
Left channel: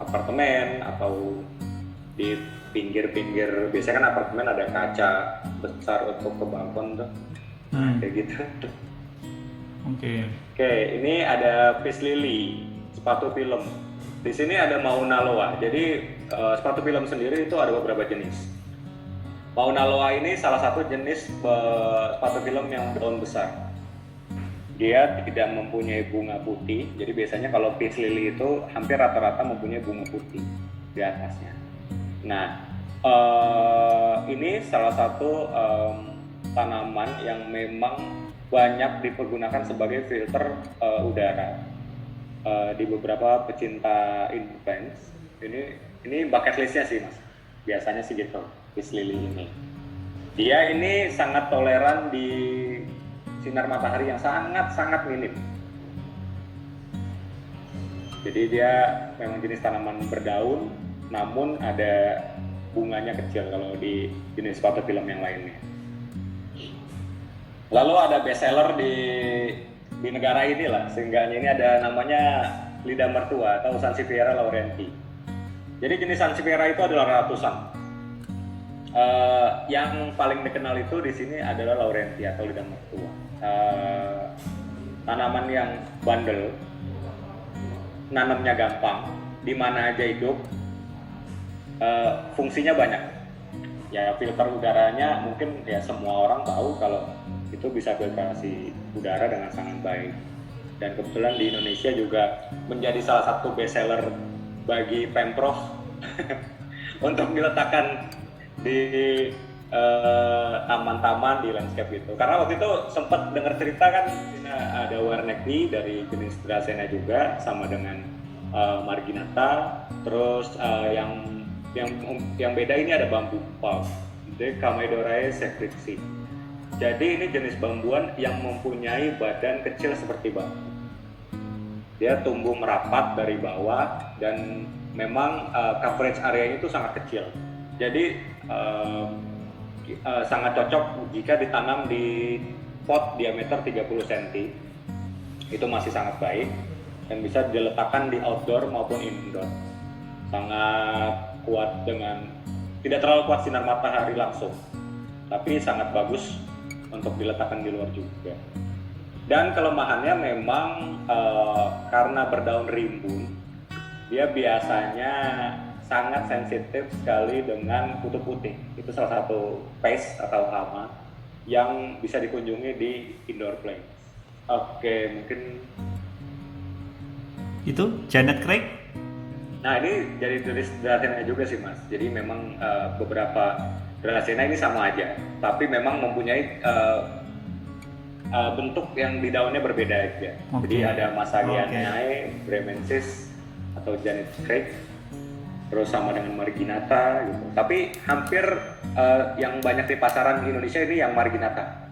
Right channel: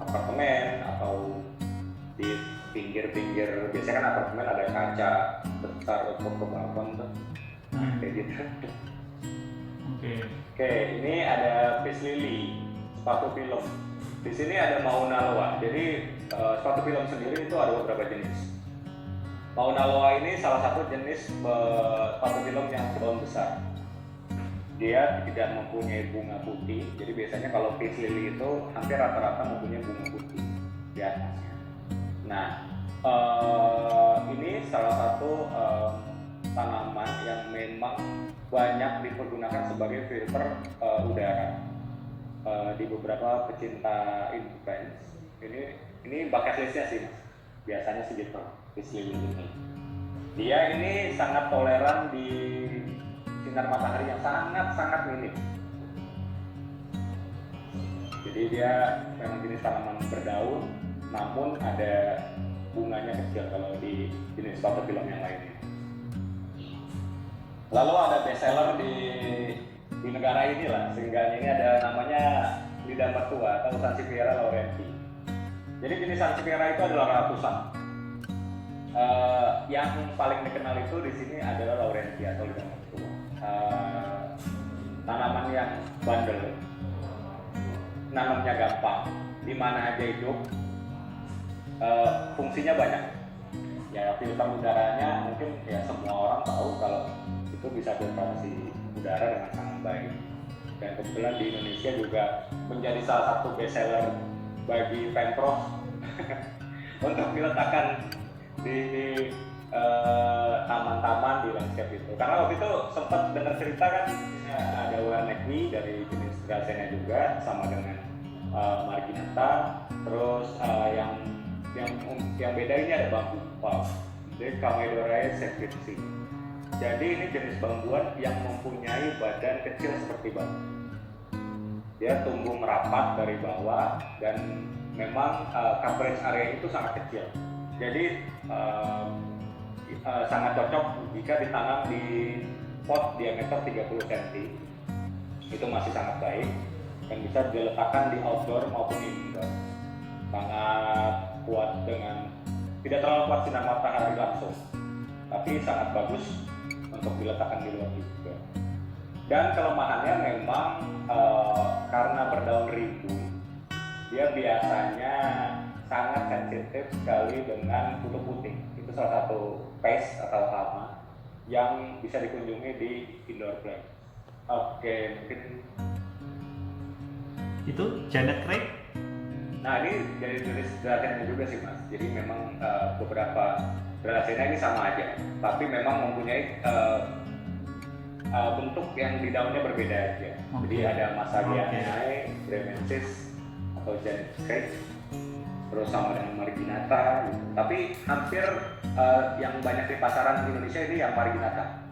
apartemen atau di pinggir-pinggir. Biasanya kan apartemen ada kaca besar untuk ke balkon tuh, kayak gitu. Oke, ini ada Peace Lily, sepatu film. Di sini ada Mauna Loa. Jadi sepatu film sendiri itu ada beberapa jenis. Mauna Loa ini salah satu jenis pathophilum yang daun besar. Dia tidak mempunyai bunga putih, jadi biasanya kalau peace lily itu hampir rata-rata mempunyai bunga putih di atasnya. Nah, ini salah satu tanaman yang memang banyak dipergunakan sebagai filter udara di beberapa pecinta intens. Ini bucket listnya sih mas, biasanya sih gitu, peace lily ini. Dia ini sangat toleran di sinar matahari yang sangat minim. Jadi dia memang jenis tanaman berdaun, namun ada bunganya kecil kalau di jenis pathophilum yang lainnya. Lalu ada bestseller di negara ini lah, seenggaknya ini ada namanya lidah mertua atau Sansevieria laurenti. Jadi jenis Sansevieria itu adalah ratusan. Yang paling dikenal itu di sini adalah laurenti atau lidah mertua. Tanaman yang bandel, nanamnya gampang, di mana aja hidup, fungsinya banyak. Ya filter udaranya mungkin ya semua orang tahu kalau itu bisa filtrasi udara dengan sangat baik. Dan kebetulan di Indonesia juga menjadi salah satu bestseller bagi Pemprov untuk diletakkan di taman-taman di landscape itu. Karena waktu itu sempat dengar cerita kan ada warneki dari jenis Dracena juga sama dengan marginata. Terus yang beda ini ada bambu palm, Decamedorae secrexi. Jadi ini jenis bambuan yang mempunyai badan kecil seperti bambu. Dia tumbuh merapat dari bawah dan memang coverage areanya itu sangat kecil. Jadi sangat cocok jika ditanam di pot diameter 30 cm. Itu masih sangat baik dan bisa diletakkan di outdoor maupun indoor. Sangat kuat dengan tidak terlalu kuat sinar matahari langsung, tapi sangat bagus untuk diletakkan di luar juga. Dan kelemahannya memang karena berdaun rimbun, dia biasanya sangat sensitif sekali dengan kutu putih. Itu salah satu pest atau hama yang bisa dikunjungi di indoor plants. Oke, mungkin itu Janet Craig. Nah ini dari jenis Dracena juga sih mas. Jadi memang beberapa Dracena ini sama aja, tapi memang mempunyai bentuk yang di daunnya berbeda aja. Okay. Jadi ada Massagianae, Bremensis atau Janet Craig, terus sama dengan Marginata gitu. Tapi hampir yang banyak di pasaran Indonesia ini yang Marginata.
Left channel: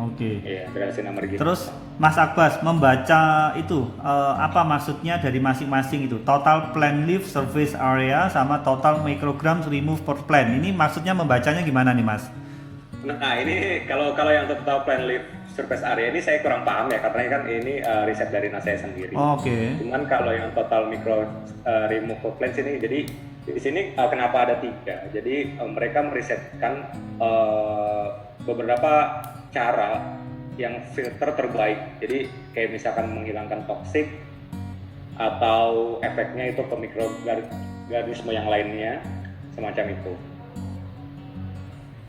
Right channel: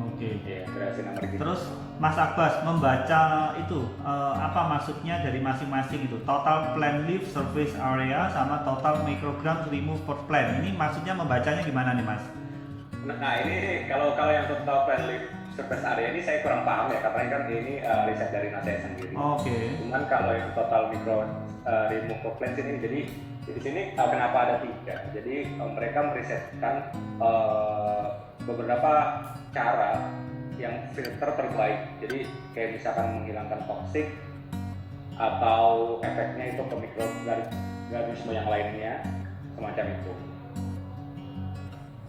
Oke. Iya, Dracena Marginata. Terus Mas Abbas membaca itu apa maksudnya dari masing-masing itu? Total plant leaf surface area sama total micrograms removed per plant. Ini maksudnya membacanya gimana nih Mas? Nah ini kalau yang total plant leaf surface area ini saya kurang paham ya, karena kan ini riset dari saya sendiri. Oke. Cuman kalau yang total micro remove per plants ini, jadi di sini kenapa ada 3? Jadi mereka merisetkan beberapa cara yang filter terbaik. Jadi kayak misalkan menghilangkan toksik atau efeknya itu ke mikroorganisme yang lainnya, semacam itu.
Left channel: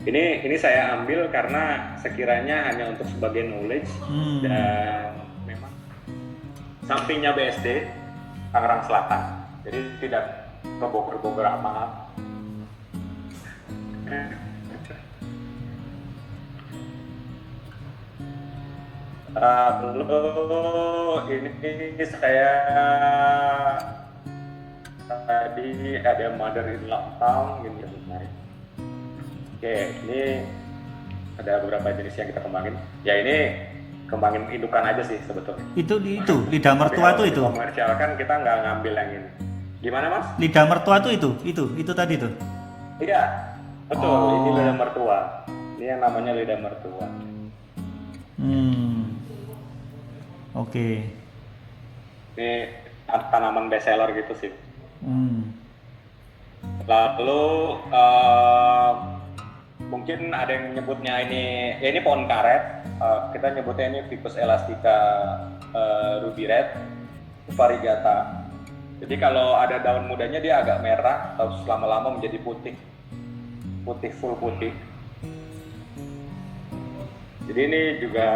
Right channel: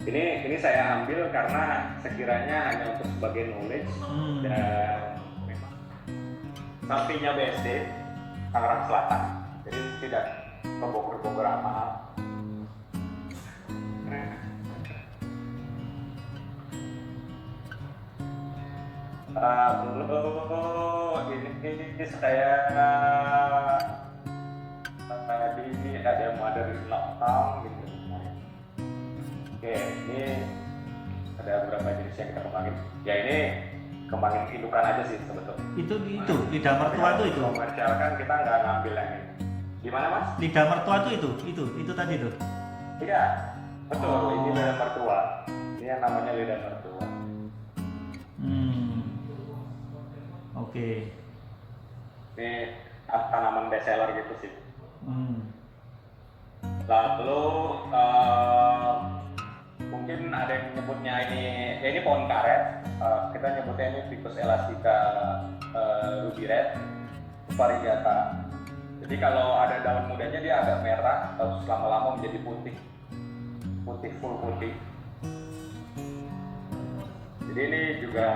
Ini saya ambil karena sekiranya hanya untuk sebagai knowledge dan memang sampingnya BSD Tangerang Selatan, jadi tidak ke Bogor amat. Lalu ini saya tadi ada mother in lockdown gini sebenarnya. Oke, ini ada beberapa jenis yang kita kembangin. Ya ini kembangin indukan aja sih sebetulnya. Itu lidah mertua itu. Komersial kan kita nggak ngambil yang ini. Gimana mas? Lidah mertua itu tadi tuh. Iya, betul. Ini lidah mertua. Ini yang namanya lidah mertua. Oke. Ini tanaman bestseller gitu sih. Lalu mungkin ada yang menyebutnya ini pohon karet. Kita nyebutnya ini Ficus elastica ruby red, variegata. Jadi kalau ada daun mudanya dia agak merah, atau lama-lama menjadi putih. putih, full putih. Jadi ini juga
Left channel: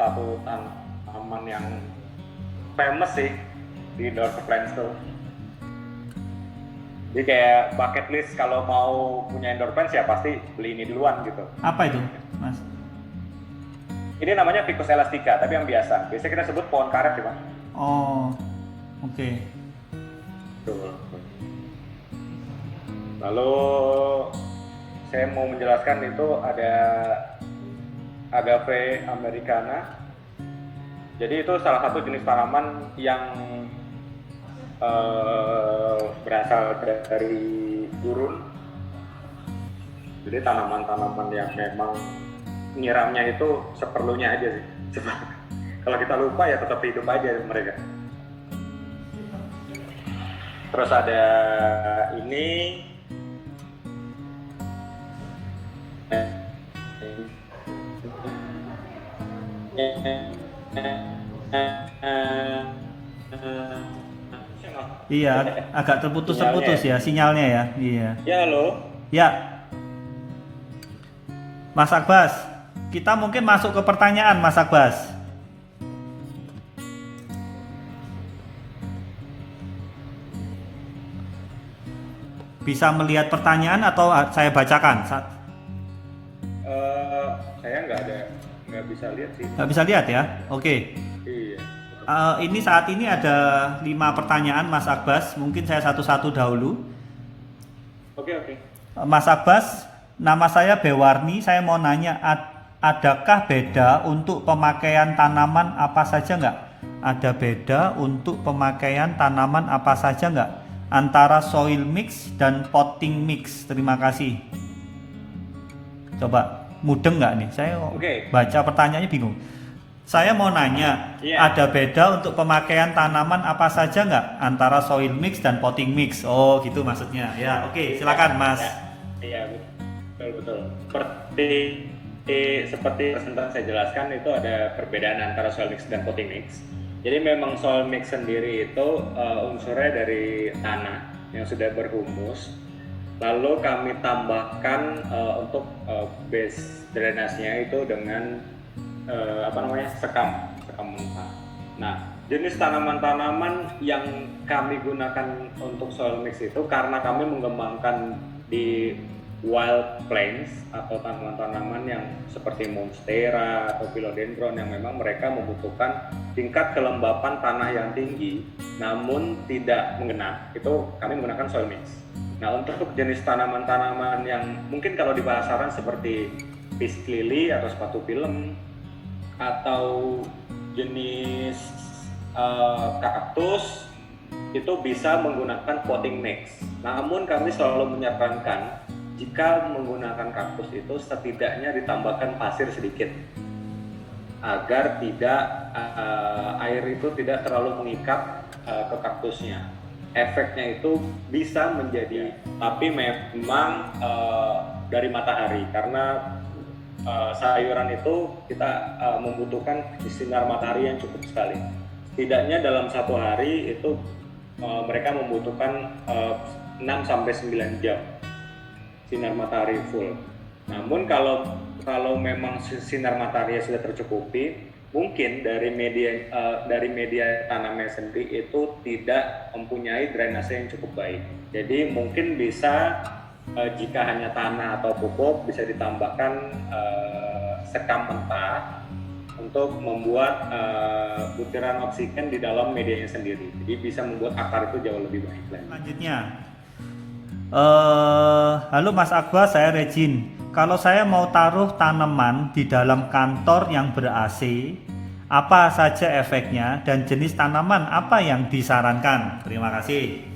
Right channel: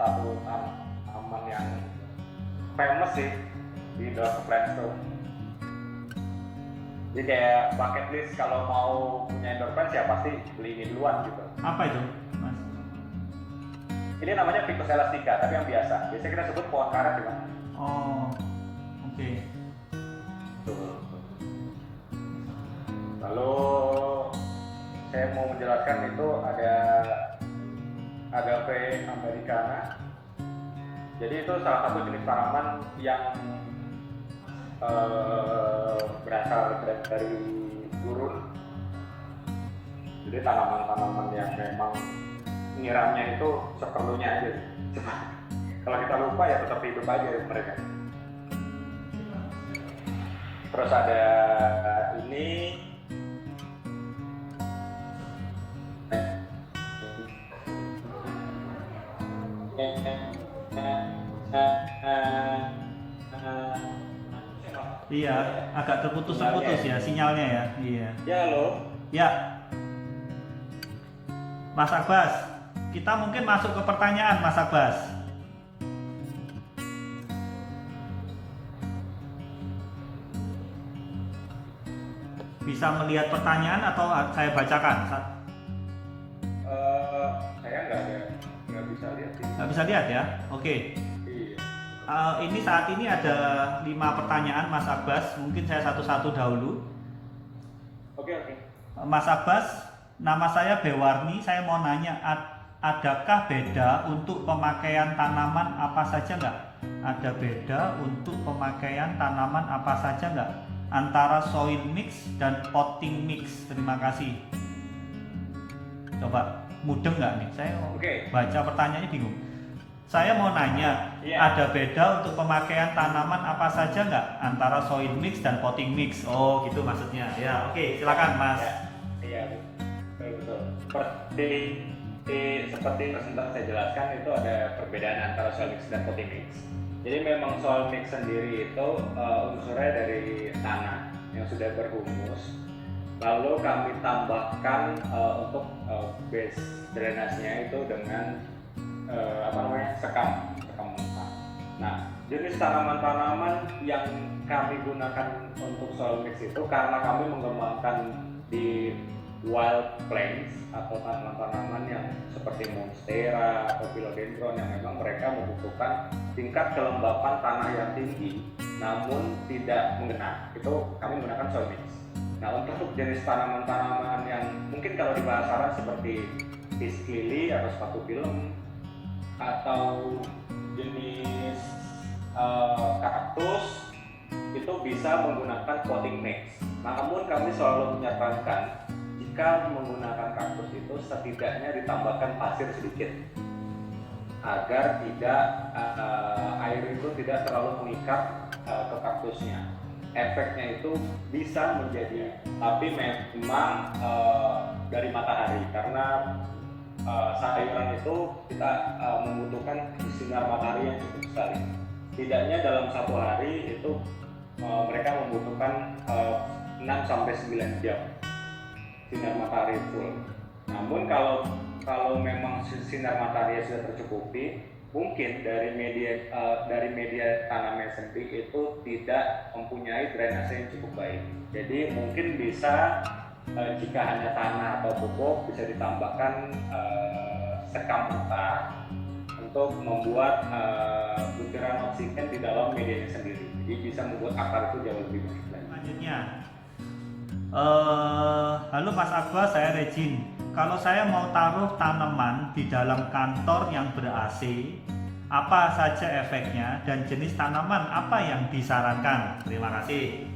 satu tanaman yang famous sih di indoor plants tuh. Jadi kayak bucket list kalau mau punya indoor plants ya pasti beli ini duluan gitu. Apa itu, Mas? Ini namanya Ficus elastica, tapi yang biasa. Biasanya kita sebut pohon karet ya, Mas. Oh, oke. Tuh. Lalu saya mau menjelaskan itu ada Agave americana. Jadi itu salah satu jenis tanaman yang berasal dari gurun. Jadi tanaman-tanaman yang memang nyiramnya itu seperlunya aja sih. Kalau kita lupa ya tetap hidup aja mereka. Terus ada ini Iya, agak terputus-terputus ya sinyalnya ya. Iya. Ya, halo. Ya. Mas Akbas, kita mungkin masuk ke pertanyaan Mas Akbas. Bisa melihat pertanyaan atau saya bacakan? Saya nggak bisa lihat sih. Nggak bisa lihat ya? Oke. Iya. Ini saat ini ada 5 pertanyaan Mas Akbas. Mungkin saya satu-satu dahulu. Oke. Mas Akbas, nama saya Bewarni. Saya mau nanya, adakah beda untuk pemakaian tanaman apa saja nggak? Ada beda untuk pemakaian tanaman apa saja nggak? Antara soil mix dan potting mix. Terima kasih. Coba mudeng nggak nih? Saya baca pertanyaannya bingung. Saya mau nanya, ada beda untuk pemakaian tanaman apa saja nggak antara soil mix dan potting mix? Oh gitu maksudnya. Ya oke, silakan Mas. Iya, betul. Seperti sempat saya jelaskan itu ada perbedaan antara soil mix dan potting mix. Jadi memang soil mix sendiri itu unsurnya dari tanah yang sudah berhumus. Lalu kami tambahkan untuk base drainasenya itu dengan sekam mentah. Nah, jenis tanaman-tanaman yang kami gunakan untuk soil mix itu karena kami mengembangkan di wild plants atau tanaman-tanaman yang seperti monstera atau philodendron yang memang mereka membutuhkan tingkat kelembapan tanah yang tinggi namun tidak menggenang, itu kami menggunakan soil mix. Nah, untuk jenis tanaman-tanaman yang mungkin kalau di pasaran seperti fish lily atau sepatu film atau jenis kaktus itu bisa menggunakan potting mix. Namun kami selalu menyarankan jika menggunakan kaktus itu setidaknya ditambahkan pasir sedikit agar tidak air itu tidak terlalu mengikat ke kaktusnya. Efeknya itu bisa menjadi, tapi memang dari matahari karena sayuran itu kita membutuhkan sinar matahari yang cukup sekali. Setidaknya dalam satu hari itu mereka membutuhkan 6-9 jam sinar matahari full. Namun kalau memang sinar matahari sudah tercukupi, mungkin dari media tanamnya sendiri itu tidak mempunyai drainase yang cukup baik. Jadi mungkin bisa jika hanya tanah atau pupuk bisa ditambahkan sekam mentah untuk membuat butiran oksigen di dalam medianya sendiri. Jadi bisa membuat akar itu jauh lebih baik lagi. Selanjutnya, halo Mas Akbas, saya Regin. Kalau saya mau taruh tanaman di dalam kantor yang ber-AC, apa saja efeknya dan jenis tanaman apa yang disarankan? Terima kasih.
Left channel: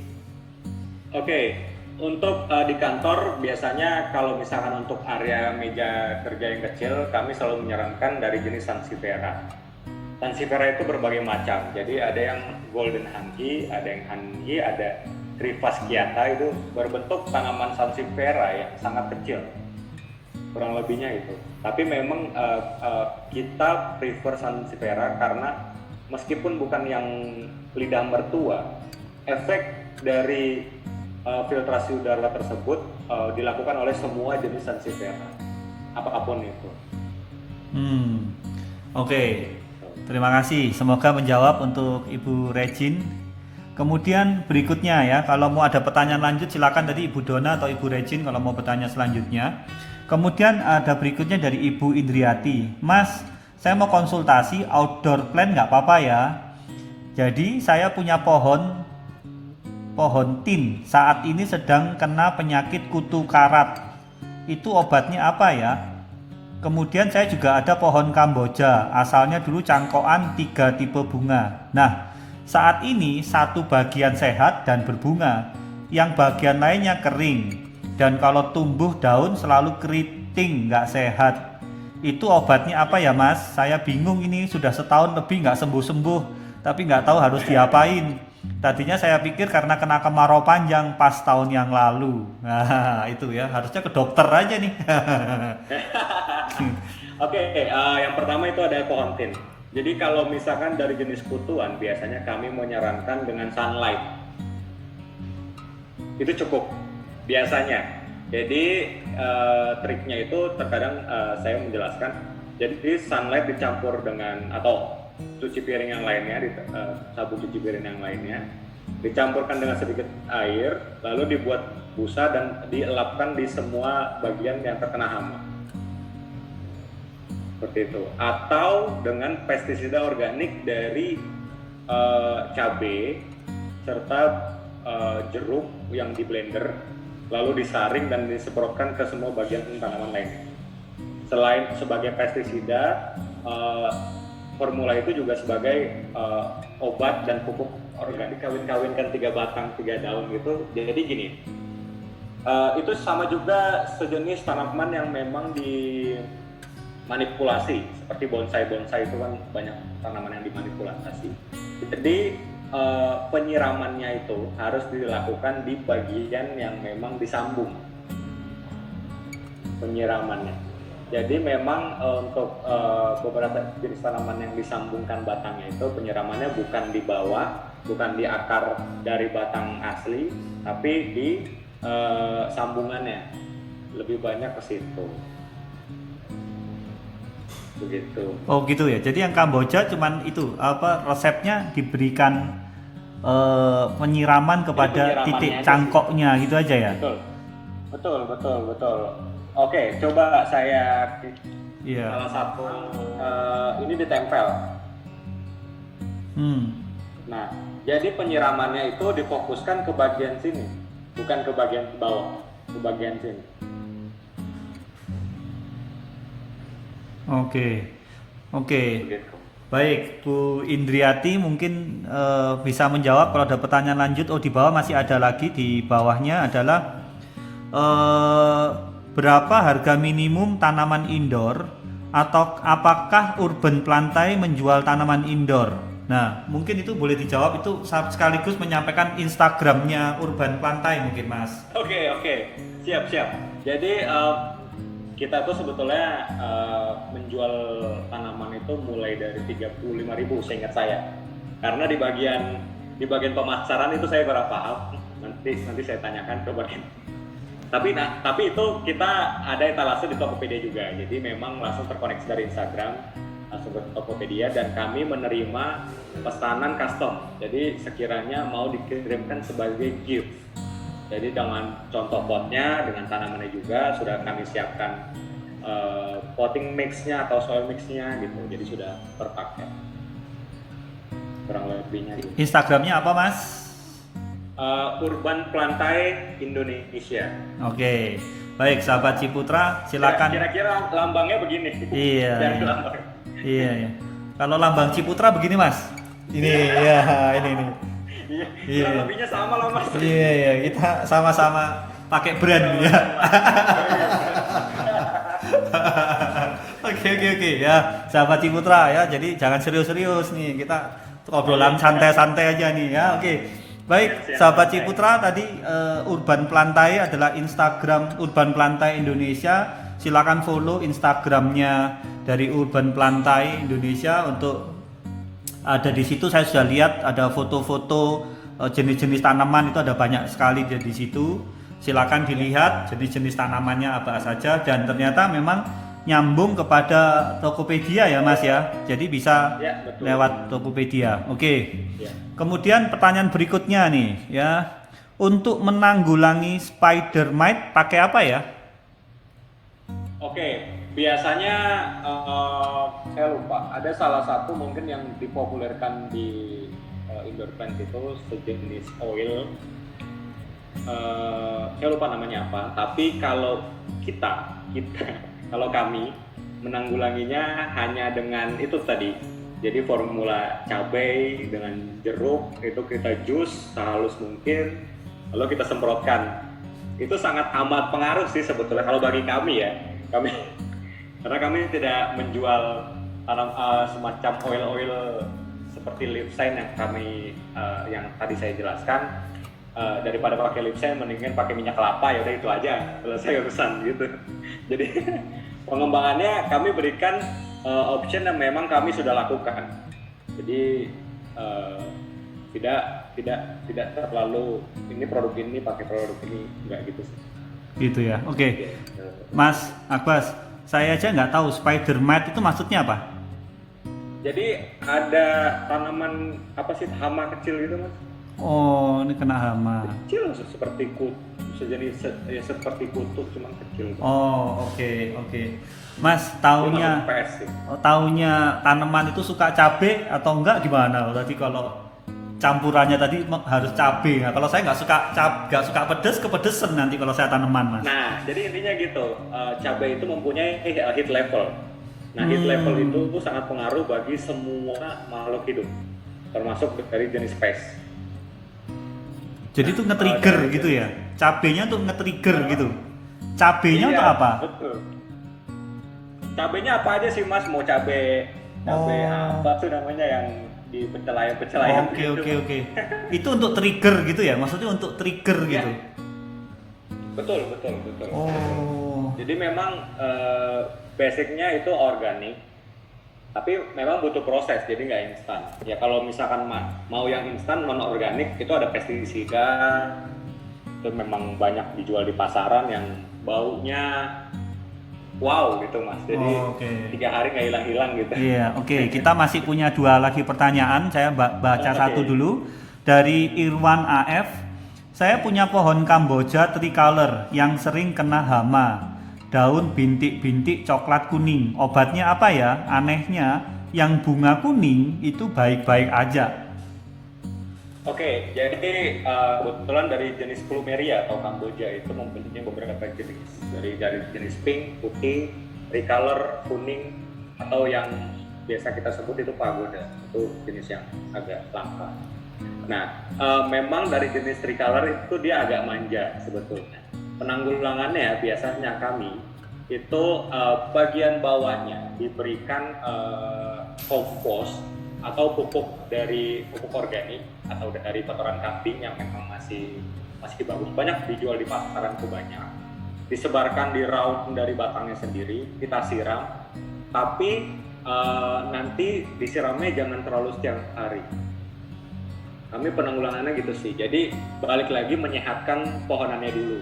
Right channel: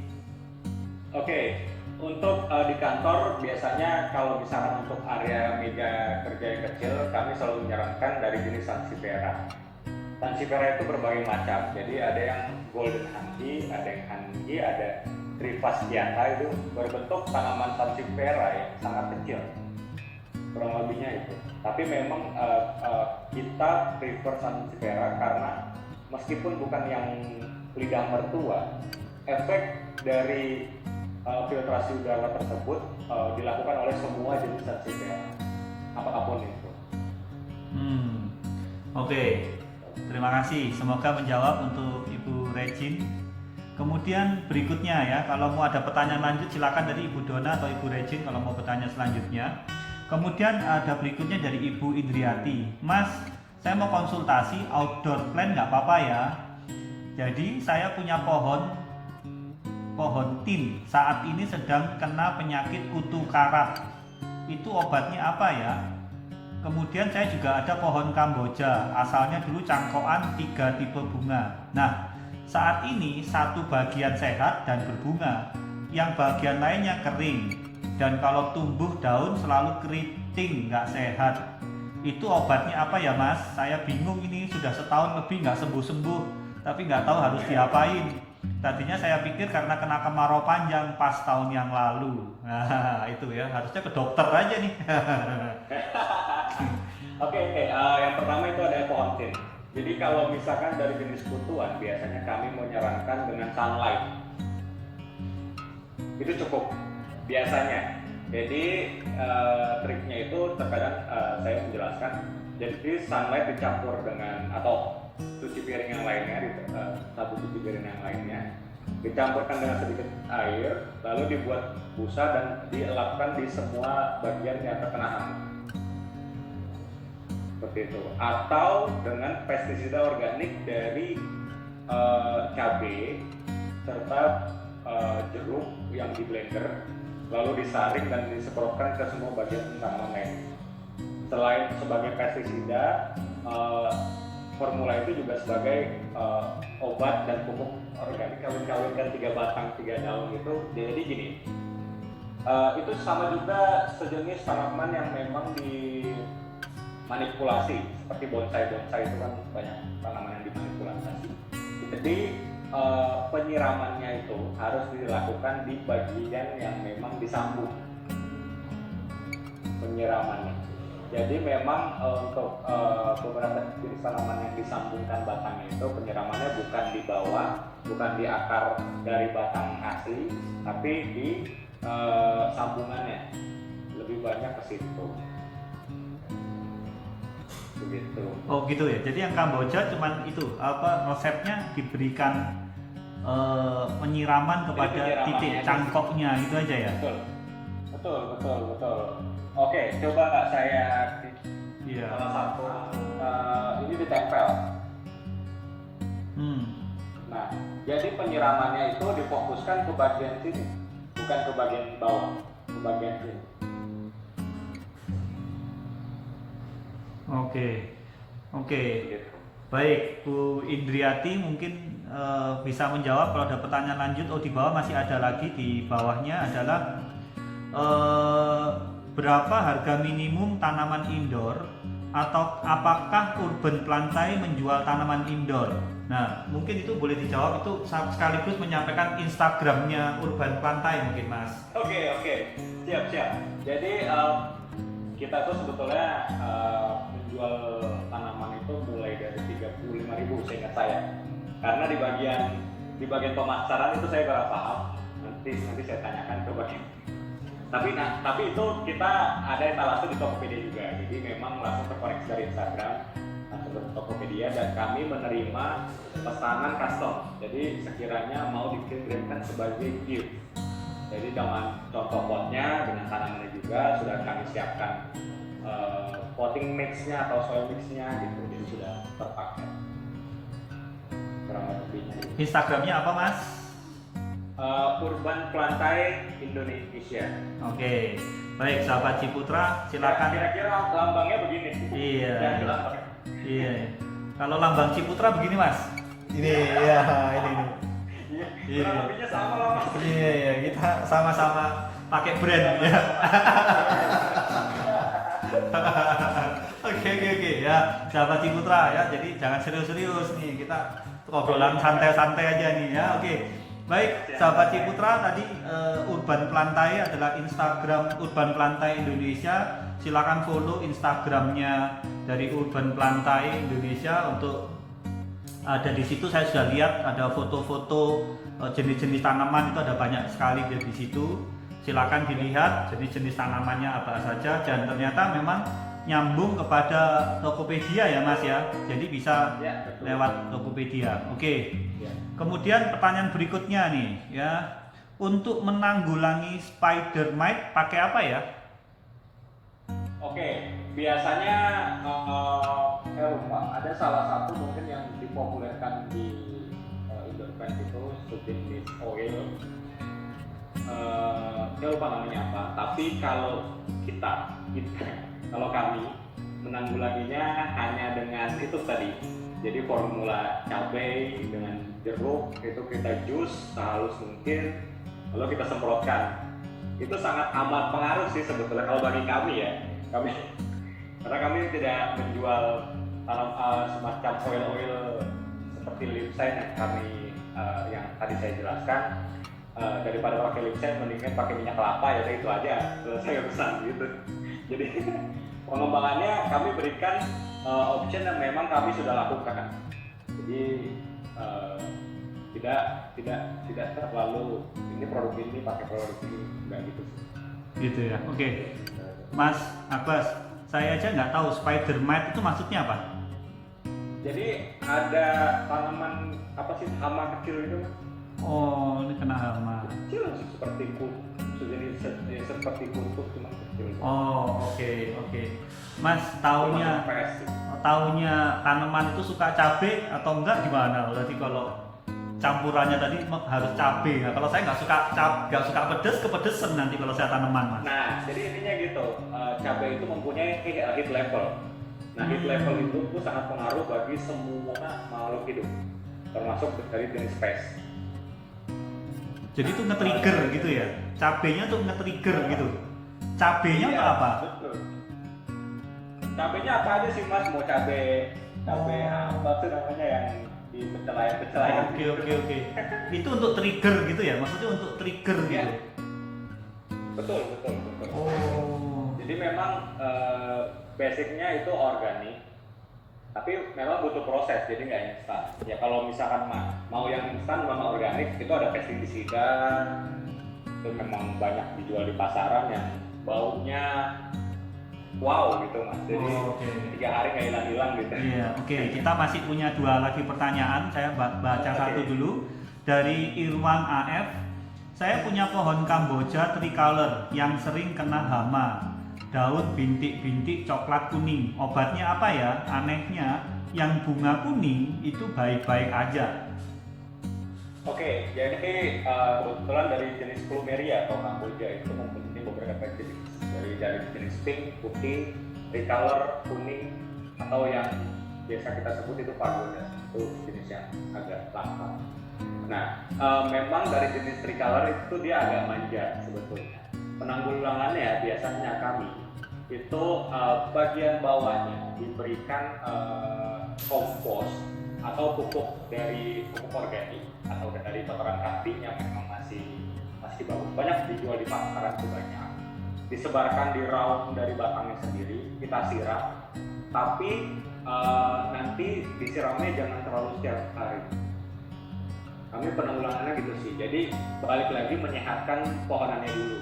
Oke. Untuk di kantor biasanya kalau misalkan untuk area meja kerja yang kecil kami selalu menyarankan dari jenis Sansevieria. Sansevieria itu berbagai macam. Jadi ada yang golden hanhi, ada yang hanhi, ada Trifasciata, itu berbentuk tanaman Sansevieria yang sangat kecil. Kurang lebihnya itu. Tapi memang kita prefer Sansevieria karena meskipun bukan yang lidah mertua, efek dari filtrasi udara tersebut dilakukan oleh semua jenis sansevieria, apapun itu. Oke. Terima kasih. Semoga menjawab untuk Ibu Regin. Kemudian berikutnya ya, kalau mau ada pertanyaan lanjut silakan tadi Ibu Dona atau Ibu Regin kalau mau bertanya selanjutnya. Kemudian ada berikutnya dari Ibu Indriati. Mas, saya mau konsultasi outdoor plant nggak apa-apa ya? Jadi saya punya pohon tin saat ini sedang kena penyakit kutu karat. Itu obatnya apa ya? Kemudian saya juga ada pohon Kamboja, asalnya dulu cangkokan 3 tipe bunga. Nah, saat ini satu bagian sehat dan berbunga, yang bagian lainnya kering. Dan kalau tumbuh daun selalu keriting, nggak sehat. Itu obatnya apa ya Mas? Saya bingung ini sudah setahun lebih nggak sembuh-sembuh, tapi nggak tahu harus diapain. Tadinya saya pikir karena kena kemarau panjang pas tahun yang lalu. Nah, itu ya, harusnya ke dokter aja nih. Oke, yang pertama itu ada pohon tin. Jadi kalau misalkan dari jenis kutuan, biasanya kami menyarankan dengan sunlight. Itu cukup, biasanya. Jadi triknya itu terkadang saya menjelaskan. Jadi sunlight dicampur dengan atau cuci piring yang lainnya, sabun cuci piring yang lainnya, dicampurkan dengan sedikit air, lalu dibuat busa dan dielapkan di semua bagian yang terkena hama. Seperti itu. Atau dengan pestisida organik dari cabai serta jeruk yang di blender, lalu disaring dan disemprotkan ke semua bagian tanaman lainnya. Selain sebagai pestisida, formula itu juga sebagai obat dan pupuk organik, kawin-kawinkan 3 batang 3 daun gitu. Jadi gini, itu sama juga sejenis tanaman yang memang dimanipulasi, seperti bonsai itu kan banyak tanaman yang dimanipulasi. Jadi penyiramannya itu harus dilakukan di bagian yang memang disambung penyiramannya. Jadi memang untuk beberapa jenis tanaman yang disambungkan batangnya itu penyiramannya bukan di bawah, bukan di akar dari batang asli, tapi di sambungannya, lebih banyak ke situ. Begitu. Oh gitu ya. Jadi yang Kamboja cuman itu apa resepnya diberikan penyiraman kepada titik cangkoknya gitu aja ya. Betul. Oke, coba saya salah satu ini ditempel. Nah, jadi penyiramannya itu difokuskan ke bagian sini, bukan ke bagian bawah, ke bagian sini. Oke. Baik, Bu Indriati mungkin bisa menjawab kalau ada pertanyaan lanjut. Oh, di bawah masih ada lagi, di bawahnya adalah berapa harga minimum tanaman indoor atau apakah Urban Plantai menjual tanaman indoor? Nah, mungkin itu boleh dijawab, itu sekaligus menyampaikan Instagramnya Urban Plantai mungkin Mas. Oke, siap. Jadi kita tuh sebetulnya menjual tanaman itu mulai dari 35.000 seingat saya. Karena di bagian pemasaran itu saya kurang paham. Nanti saya tanyakan ke bagian. Tapi itu kita ada etalase di Tokopedia juga. Jadi memang langsung terkoneksi dari Instagram, langsung ke Tokopedia, dan kami menerima pesanan custom. Jadi sekiranya mau dikirimkan sebagai gift. Jadi dengan contoh potnya, dengan tanamannya juga sudah kami siapkan potting mixnya atau soil mixnya gitu. Jadi sudah terpakai. Kurang lebihnya gitu. Instagramnya apa Mas? Urban Plantai Indonesia. Oke. Baik, sahabat Ciputra, silakan. Kira-kira lambangnya begini. Iya. Kalau lambang Ciputra begini Mas. Ini ya, ini. Iya. Lebihnya sama lah Mas. Iya, kita sama-sama pakai brand ya. Oke ya, sahabat Ciputra ya. Jadi jangan serius-serius nih, kita obrolan santai-santai aja nih ya. Oke. Baik, sahabat Ciputra, tadi Urban Plantai adalah Instagram Urban Plantai Indonesia. Silakan follow Instagramnya dari Urban Plantai Indonesia untuk ada di situ. Saya sudah lihat ada foto-foto jenis-jenis tanaman itu ada banyak sekali di situ. Silakan dilihat jenis-jenis tanamannya apa saja, dan ternyata memang nyambung kepada Tokopedia ya Mas ya. Jadi bisa Ya, betul. lewat Tokopedia. Oke. Ya. Kemudian pertanyaan berikutnya nih ya. Untuk menanggulangi spider mite pakai apa ya? Oke, biasanya saya lupa. Ada salah satu mungkin yang dipopulerkan di indoor plant itu sejenis oil. Saya lupa namanya apa. Tapi kalau kita kalau kami menanggulanginya hanya dengan itu tadi. Jadi formula cabai dengan jeruk itu kita jus sehalus mungkin, lalu kita semprotkan. Itu sangat amat pengaruh sih sebetulnya kalau bagi kami ya. Karena kami tidak menjual semacam oil-oil seperti Lipsyne yang kami yang tadi saya jelaskan. Daripada pakai Lipsyne mendingan pakai minyak kelapa, ya udah itu aja selesai urusan gitu. Jadi pengembangannya kami berikan option yang memang kami sudah lakukan. Jadi tidak terlalu ini produk ini pakai produk ini, enggak gitu sih. Gitu ya. Oke. Mas Abbas, saya aja nggak tahu spider mite itu maksudnya apa? Jadi ada tanaman apa sih, hama kecil gitu Mas? Oh, ini kena hama. Kecil seperti sejenis seperti kutu cuma kecil. Oh, oke. Mas, taunya PS sih. taunya tanaman itu suka cabai atau enggak gimana? Berarti kalau campurannya tadi harus cabai. Nah, kalau saya nggak suka pedes, kepedesan nanti kalau saya tanaman, Mas. Nah, jadi intinya gitu, cabai itu mempunyai heat level. Nah, heat level itu sangat pengaruh bagi semua makhluk hidup, termasuk dari jenis pes. Jadi itu nge-trigger gitu ya? Cabainya tuh nge-trigger gitu? Cabainya untuk apa? Betul. Cabainya apa aja sih Mas? Mau cabai apa tuh namanya yang di pecelayan Oke. Itu untuk trigger gitu ya? Maksudnya untuk trigger gitu? Betul. Oh. Jadi memang basicnya itu organik, tapi memang butuh proses, jadi nggak instan. Ya kalau misalkan mau yang instan non organik itu ada pestisida, itu memang banyak dijual di pasaran yang baunya wow gitu Mas. Jadi 3 hari nggak hilang-hilang gitu. Iya, oke. Kita masih punya 2 lagi pertanyaan. Saya baca satu dulu dari Irwan AF. Saya punya pohon Kamboja tricolor yang sering kena hama. Daun bintik-bintik coklat kuning. Obatnya apa ya? Anehnya yang bunga kuning itu baik-baik aja. Oke, jadi kebetulan dari jenis Plumeria atau Kamboja itu mempunyai beberapa jenis, dari jenis pink, putih, tricolor, kuning, atau yang biasa kita sebut itu pagoda, itu jenis yang agak langka. Nah, memang dari jenis tricolor itu dia agak manja sebetulnya. Penanggulangannya biasanya kami itu bagian bawahnya diberikan kompos atau pupuk organik atau dari kotoran kambing yang memang masih bagus, banyak dijual di pasaran, itu banyak disebarkan di raut dari batangnya sendiri, kita siram, tapi nanti disiramnya jangan terlalu setiap hari. Kami penanggulangannya gitu sih, jadi balik lagi menyehatkan pohonannya dulu.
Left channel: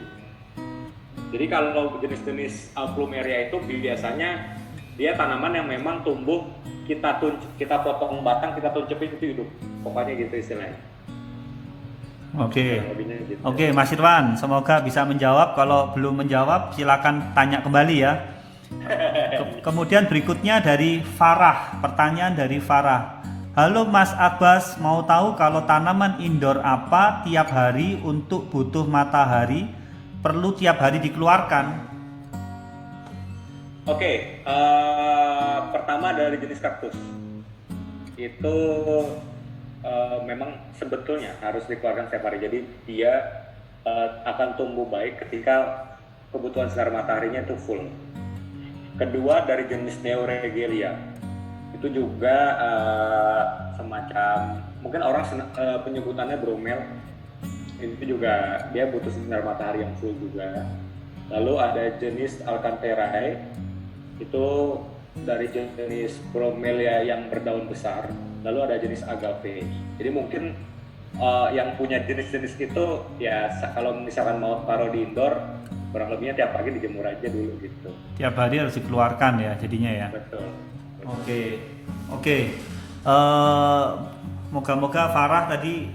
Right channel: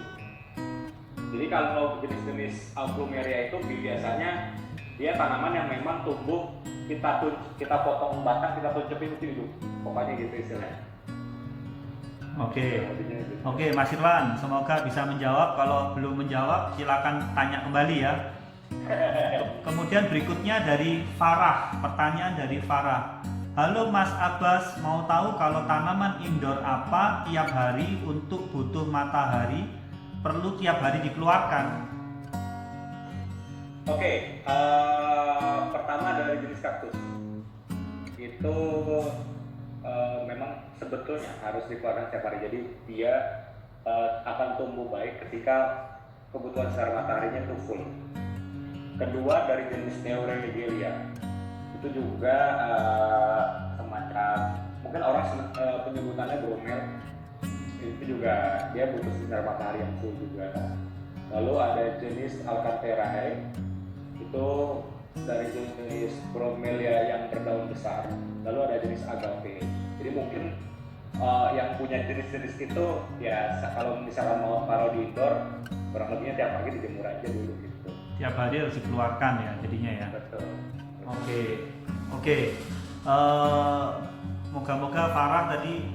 Jadi kalau jenis-jenis Plumeria itu biasanya dia tanaman yang memang tumbuh, kita potong batang, kita tuncepin itu hidup, pokoknya gitu istilahnya. Oke, Mas Irwan, semoga bisa menjawab. Kalau belum menjawab, silakan tanya kembali ya. Kemudian berikutnya dari Farah, pertanyaan dari Farah. Halo Mas Abbas, mau tahu kalau tanaman indoor apa tiap hari untuk butuh matahari perlu tiap hari dikeluarkan? Oke, pertama dari jenis kaktus itu memang sebetulnya harus dikeluarkan setiap hari. Jadi dia akan tumbuh baik ketika kebutuhan sinar mataharinya itu full. Kedua dari jenis Neoregelia itu juga semacam mungkin orang penyebutannya bromel, itu juga dia butuh sinar matahari yang full juga. Lalu ada jenis Alcantherae, itu dari jenis bromelia yang berdaun besar. Lalu ada jenis agave. Jadi mungkin yang punya jenis-jenis itu ya kalau misalkan mau taruh di indoor kurang lebihnya tiap pagi dijemur aja dulu gitu. Tiap hari harus dikeluarkan ya jadinya ya. Betul. Oke. Moga-moga Farah tadi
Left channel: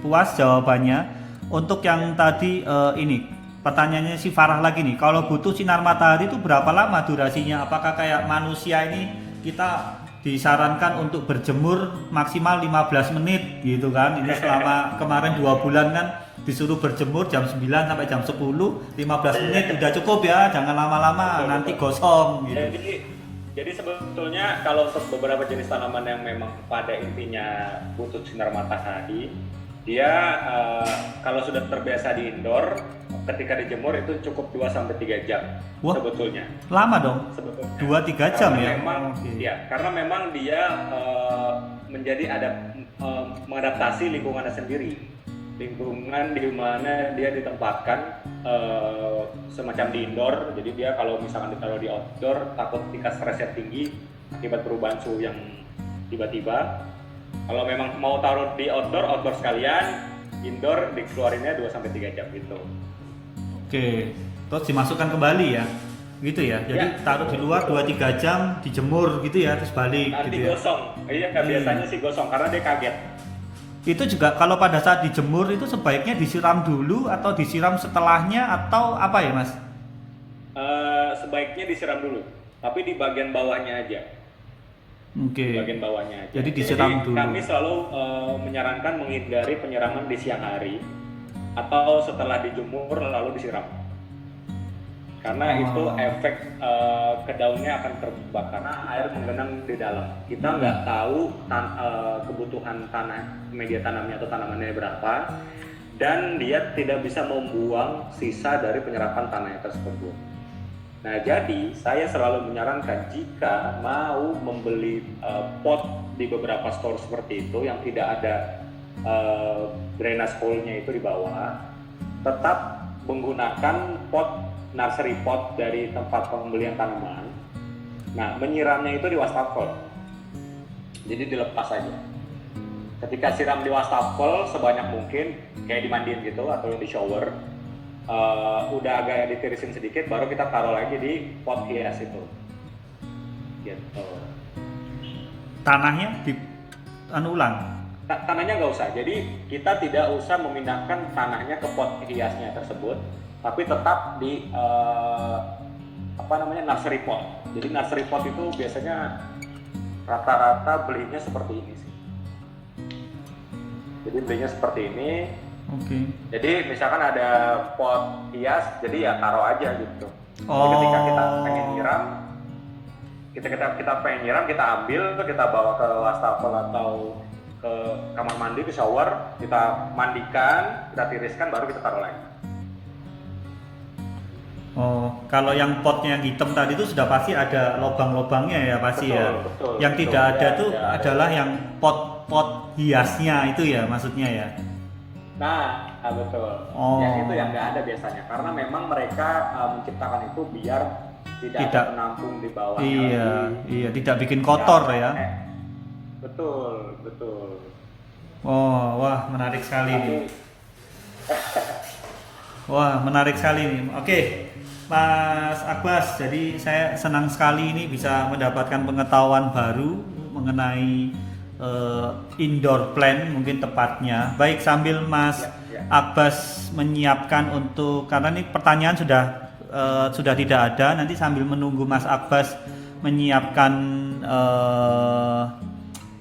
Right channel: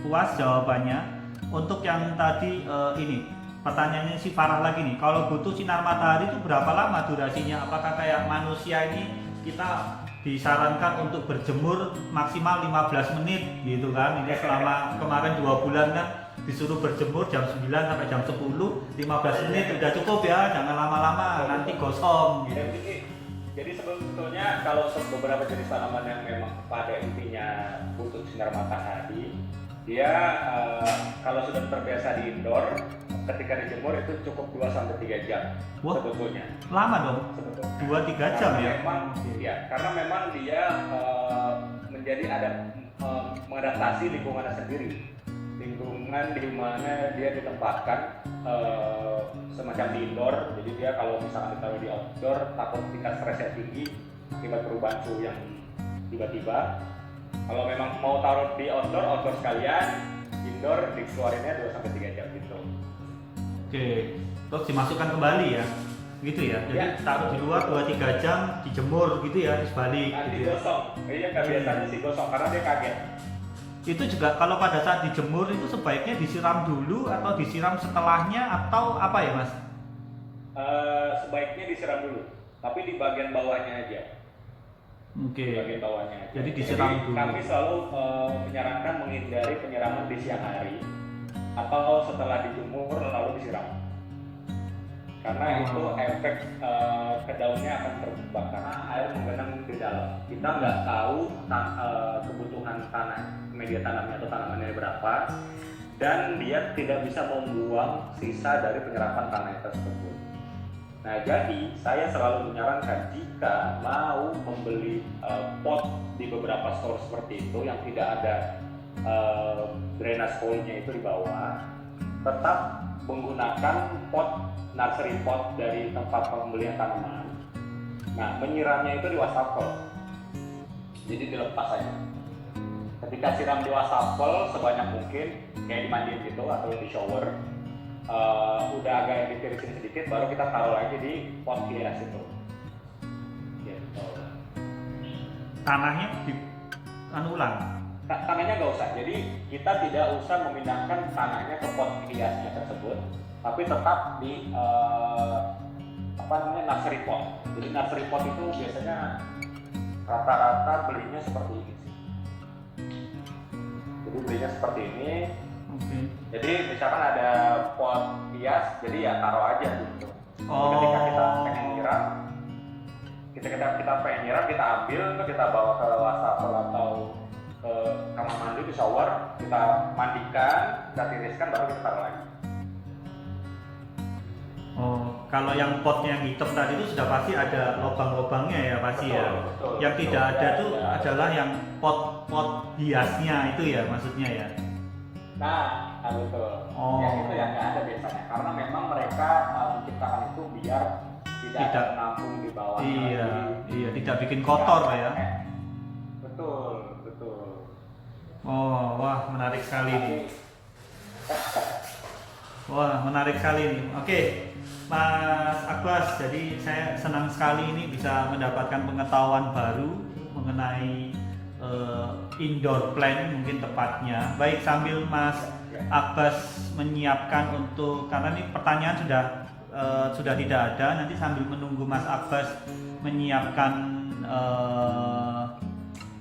puas jawabannya. Untuk yang tadi ini pertanyaannya si Farah lagi nih, kalau butuh sinar matahari itu berapa lama durasinya? Apakah kayak manusia ini kita disarankan untuk berjemur maksimal 15 menit gitu kan? Ini selama kemarin 2 bulan kan disuruh berjemur jam 9 sampai jam 10, 15 menit udah cukup ya, jangan lama-lama nanti gosong gitu. Jadi sebetulnya kalau untuk beberapa jenis tanaman yang memang pada intinya butuh sinar matahari, dia kalau sudah terbiasa di indoor, ketika dijemur itu cukup 2-3 jam. Wah, sebetulnya. Lama dong? Sebetulnya. 2-3 jam ya? Ya, karena memang dia mengadaptasi lingkungannya sendiri. Lingkungan di mana dia ditempatkan semacam di indoor, jadi dia kalau misalkan ditaruh di outdoor takut tingkat stresnya tinggi akibat perubahan suhu yang tiba-tiba. Kalau memang mau taruh di outdoor sekalian, indoor dikeluarinnya 2-3 jam gitu. Oke, terus dimasukkan kembali ya, gitu ya. Jadi ya, taruh di luar 2-3 jam, dijemur gitu ya, terus balik. Nanti gitu gosong, iya biasanya sih gosong karena dia kaget. Itu juga kalau pada saat dijemur itu sebaiknya disiram dulu atau disiram setelahnya atau apa ya Mas? Sebaiknya disiram dulu, tapi di bagian bawahnya aja. Oke. Di bagian bawahnya aja. Jadi disiram dulu. Kami selalu menyarankan menghindari penyiraman di siang hari atau setelah dijemur lalu disiram. Karena itu efek ke daunnya akan terbakar karena air menggenang di dalam. Kita nggak tahu kebutuhan media tanamnya atau tanamannya berapa, dan dia tidak bisa membuang sisa dari penyerapan tanahnya tersebut. Nah, jadi saya selalu menyarankan jika mau membeli pot di beberapa store seperti itu yang tidak ada drainage hole-nya itu di bawah, tetap menggunakan pot nursery pot dari tempat pembelian tanaman. Nah, menyiramnya itu di wastafel. Jadi dilepas aja. Ketika siram di wastafel sebanyak mungkin, kayak dimandiin gitu atau di shower, udah agak ditirisin sedikit, baru kita taruh lagi di pot hias itu. Gitu. Tanahnya ulang? Tanahnya nggak usah. Jadi kita tidak usah memindahkan tanahnya ke pot hiasnya tersebut, tapi tetap di nursery pot. Jadi nursery pot itu biasanya rata-rata belinya seperti ini sih. Jadi belinya seperti ini. Oke. Jadi misalkan ada pot hias, jadi ya taruh aja gitu. Jadi ketika kita pengen nyiram, kita pengen nyiram, kita ambil, kita bawa ke wastafel atau ke kamar mandi, ke shower, kita mandikan, kita tiriskan, baru kita taruh lagi. Oh, kalau yang potnya yang hitam tadi itu sudah pasti ada lubang-lubangnya ya pasti ya. Betul, yang tidak ada itu adalah yang pot-pot hiasnya itu ya maksudnya ya. Nah, betul. Oh. Yang itu yang nggak ada biasanya, karena memang mereka menciptakan itu biar tidak menampung di bawah. Iya, tidak bikin kotor ya. Betul. Oh, wah menarik sekali nih. Wah menarik sekali nih. Oke, Mas Abbas, jadi saya senang sekali ini bisa mendapatkan pengetahuan baru mengenai indoor plant mungkin tepatnya. Baik, sambil Mas Abbas menyiapkan untuk, karena ini pertanyaan sudah tidak ada, nanti sambil menunggu Mas Abbas menyiapkan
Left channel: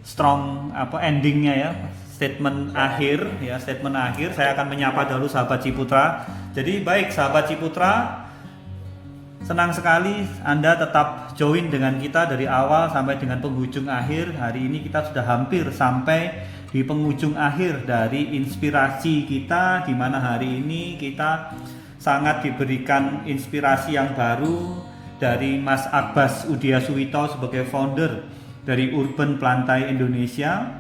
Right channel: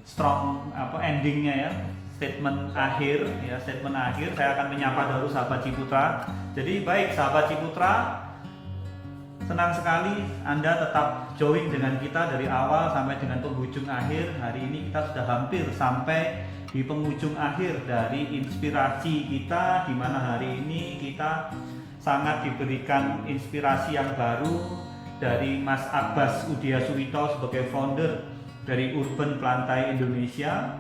strong endingnya ya, statement akhir, saya akan menyapa dulu sahabat Ciputra. Jadi baik sahabat Ciputra, senang sekali Anda tetap join dengan kita dari awal sampai dengan penghujung akhir. Hari ini kita sudah hampir sampai di penghujung akhir dari inspirasi kita, di mana hari ini kita sangat diberikan inspirasi yang baru dari Mas Abbas Udiasuwito sebagai founder dari Urban Plantai Indonesia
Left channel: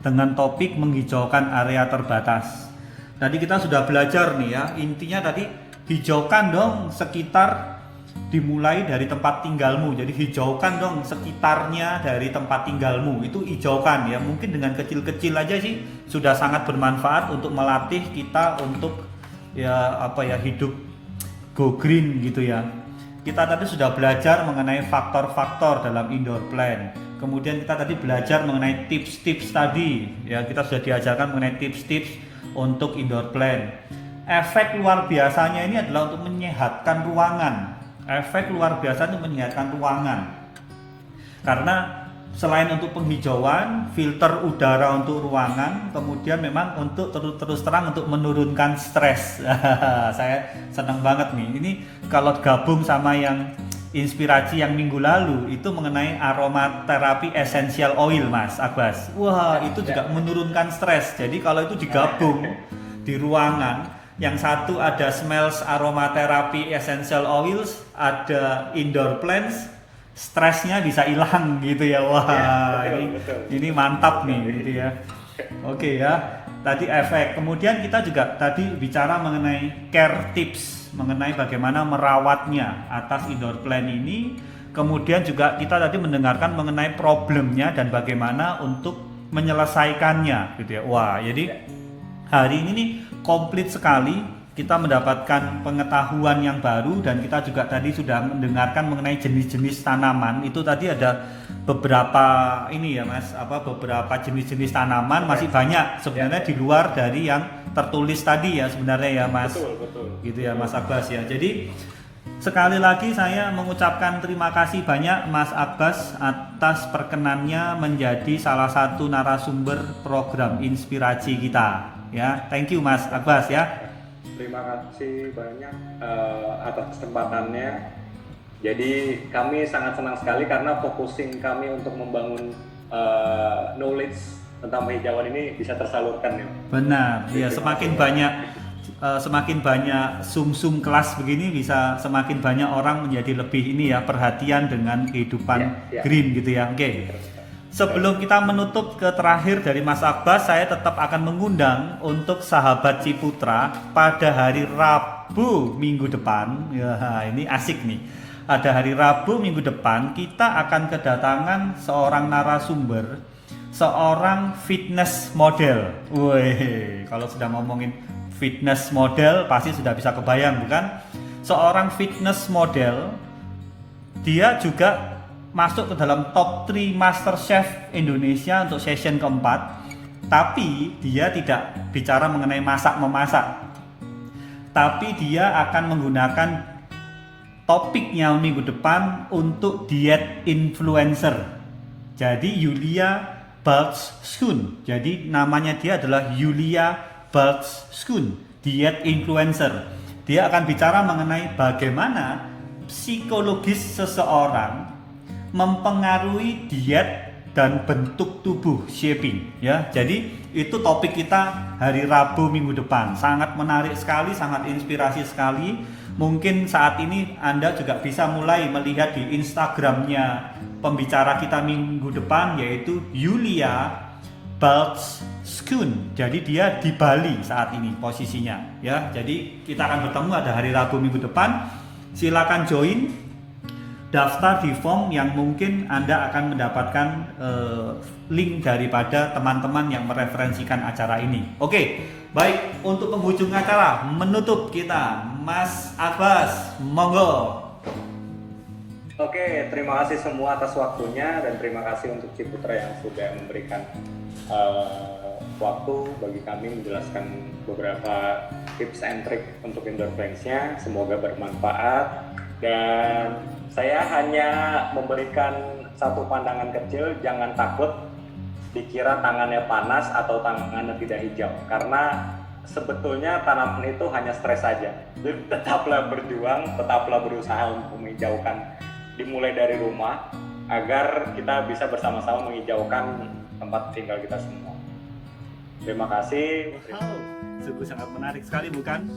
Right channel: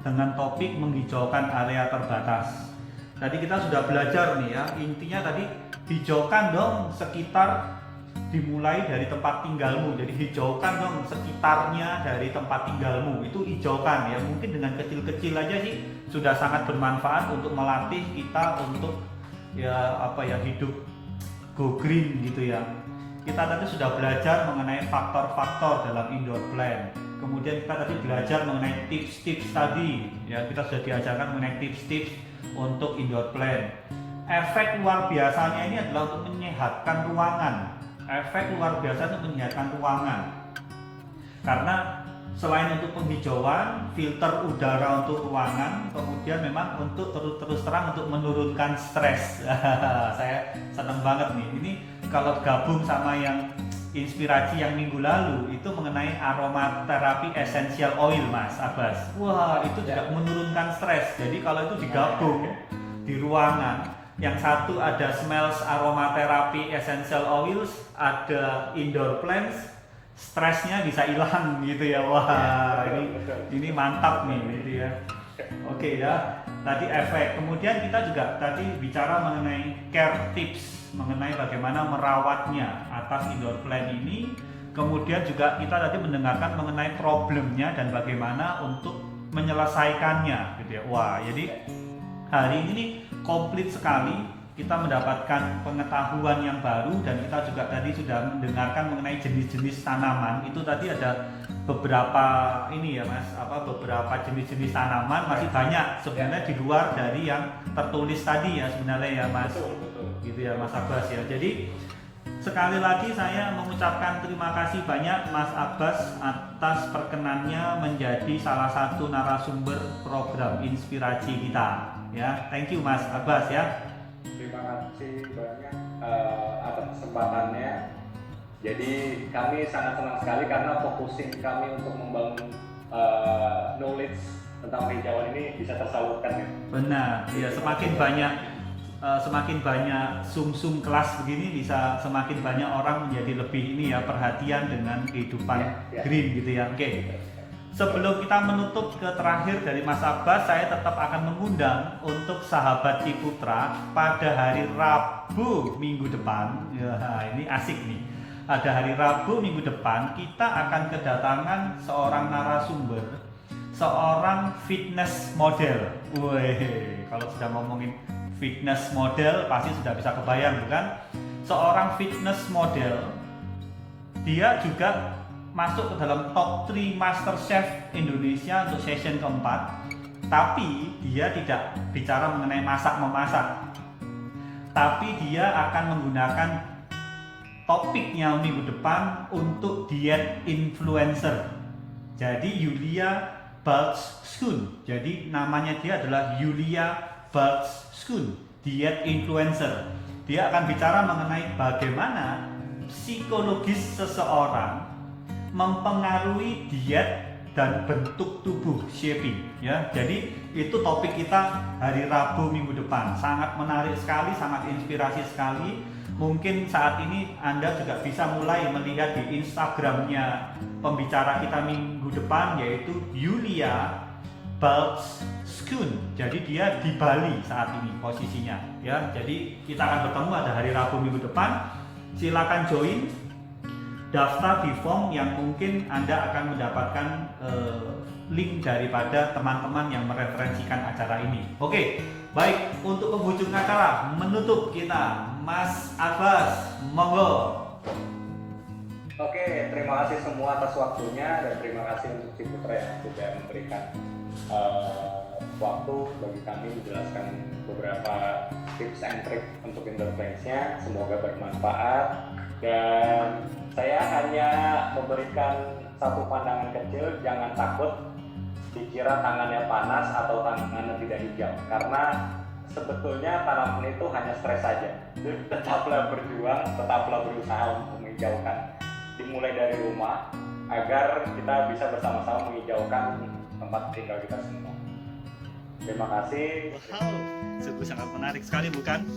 dengan topik menghijaukan area terbatas. Tadi kita sudah belajar nih ya, intinya tadi hijaukan dong sekitar dimulai dari tempat tinggalmu. Jadi hijaukan dong sekitarnya dari tempat tinggalmu, itu hijaukan ya. Mungkin dengan kecil-kecil aja sih sudah sangat bermanfaat untuk melatih kita untuk ya apa ya, hidup go green gitu ya. Kita tadi sudah belajar mengenai faktor-faktor dalam indoor plant. Kemudian kita tadi belajar mengenai tips-tips tadi ya, kita sudah diajarkan mengenai tips-tips untuk indoor plant. Efek luar biasanya ini adalah untuk menyehatkan ruangan. Efek luar biasa untuk menyehatkan ruangan. Karena selain untuk penghijauan, filter udara untuk ruangan, kemudian memang untuk terus terang untuk menurunkan stres. Saya senang banget nih. Ini kalau gabung sama yang inspirasi yang minggu lalu itu mengenai aromaterapi essential oil, Mas Abbas. Wah, itu juga menurunkan stres. Jadi kalau itu digabung di ruangan, yang satu ada smells aromaterapi essential oils, ada indoor plants, stresnya bisa hilang gitu ya. Wah, ini mantap nih gitu ya. Oke ya. Tadi efek. Kemudian kita juga tadi bicara mengenai care tips, mengenai bagaimana merawatnya atas indoor plant ini. Kemudian juga kita tadi mendengarkan mengenai problemnya dan bagaimana untuk menyelesaikannya gitu ya. Wah, jadi hari ini nih komplit sekali, kita mendapatkan pengetahuan yang baru dan kita juga tadi sudah mendengarkan mengenai jenis-jenis tanaman. Itu tadi ada beberapa ini ya Mas, beberapa jenis-jenis tanaman, masih banyak sebenarnya di luar dari yang tertulis tadi ya sebenarnya ya Mas. Betul. Gitu ya Mas Abbas ya. Jadi sekali lagi saya mengucapkan terima kasih banyak Mas Abbas atas perkenannya menjadi salah satu narasumber program inspirasi kita. Ya, thank you Mas Abbas ya. Terima kasih banyak atas kesempatannya. Jadi kami sangat senang sekali karena focusing kami untuk membangun knowledge tentang penghijauan ini bisa tersalurkan ya. Benar, ya semakin banyak sum-sum kelas begini bisa semakin banyak orang menjadi lebih ini ya, perhatian dengan kehidupan green gitu ya. Oke. Sebelum kita menutup ke terakhir dari Mas Abbas, saya tetap akan mengundang untuk sahabat Ciputra pada hari Rabu minggu depan. Ya, ini asik nih. Pada hari Rabu minggu depan kita akan kedatangan seorang narasumber, seorang fitness model. Wih, kalau sudah ngomongin fitness model pasti sudah bisa kebayang bukan? Seorang fitness model, dia juga masuk ke dalam top 3 Master Chef Indonesia untuk session keempat. Tapi dia tidak bicara mengenai masak-memasak, tapi dia akan menggunakan topiknya minggu depan untuk diet influencer. Jadi Yulia Baltskun. Jadi namanya dia adalah Yulia Baltskun, diet influencer. Dia akan bicara mengenai bagaimana psikologis seseorang mempengaruhi diet dan bentuk tubuh, shaping ya. Jadi itu topik kita hari Rabu minggu depan. Sangat menarik sekali, sangat inspirasi sekali. Mungkin saat ini Anda juga bisa mulai melihat di Instagramnya pembicara kita minggu depan, yaitu Yulia Baltskun. Jadi dia di Bali saat ini posisinya ya. Jadi kita akan bertemu ada hari Rabu minggu depan. Silakan join, daftar di form yang mungkin Anda akan mendapatkan link daripada teman-teman yang mereferensikan acara ini. Oke, baik, untuk penghujung acara menutup kita, Mas Abbas, monggo. Oke, terima kasih semua atas waktunya dan terima kasih untuk Ciputra yang sudah memberikan waktu bagi kami menjelaskan beberapa tips and trick untuk indoor plants-nya. Semoga bermanfaat dan saya hanya memberikan satu pandangan kecil, jangan takut dikira tangannya panas atau tangannya tidak hijau, karena sebetulnya tanaman itu hanya stres saja. Tetaplah berjuang, tetaplah berusaha untuk menghijaukan, dimulai dari rumah agar kita bisa bersama-sama menghijaukan tempat tinggal kita semua. Terima kasih. Wow, sungguh sangat menarik sekali bukan?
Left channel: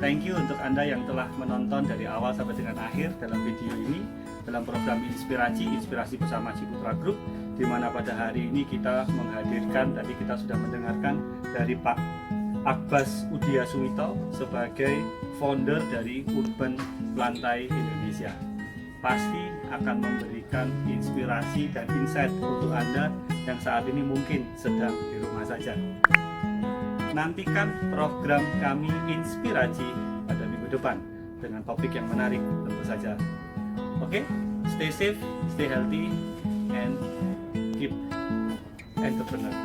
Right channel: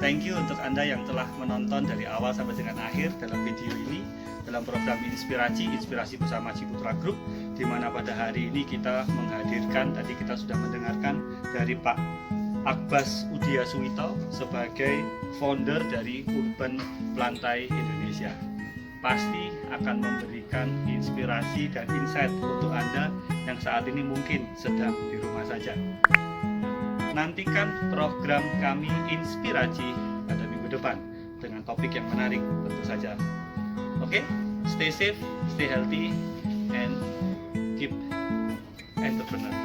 Thank you untuk Anda yang telah menonton dari awal sampai dengan akhir dalam video ini, dalam program Inspirasi bersama Ciputra Group, di mana pada hari ini kita menghadirkan, tadi kita sudah mendengarkan dari Pak Abbas Udiasuwito sebagai founder dari Urban Plantai Indonesia. pasti akan memberikan inspirasi dan insight untuk Anda yang saat ini mungkin sedang di rumah saja. Nantikan program kami Inspirasi pada minggu depan dengan topik yang menarik tentu saja. Oke, stay safe, stay healthy, and keep entrepreneur.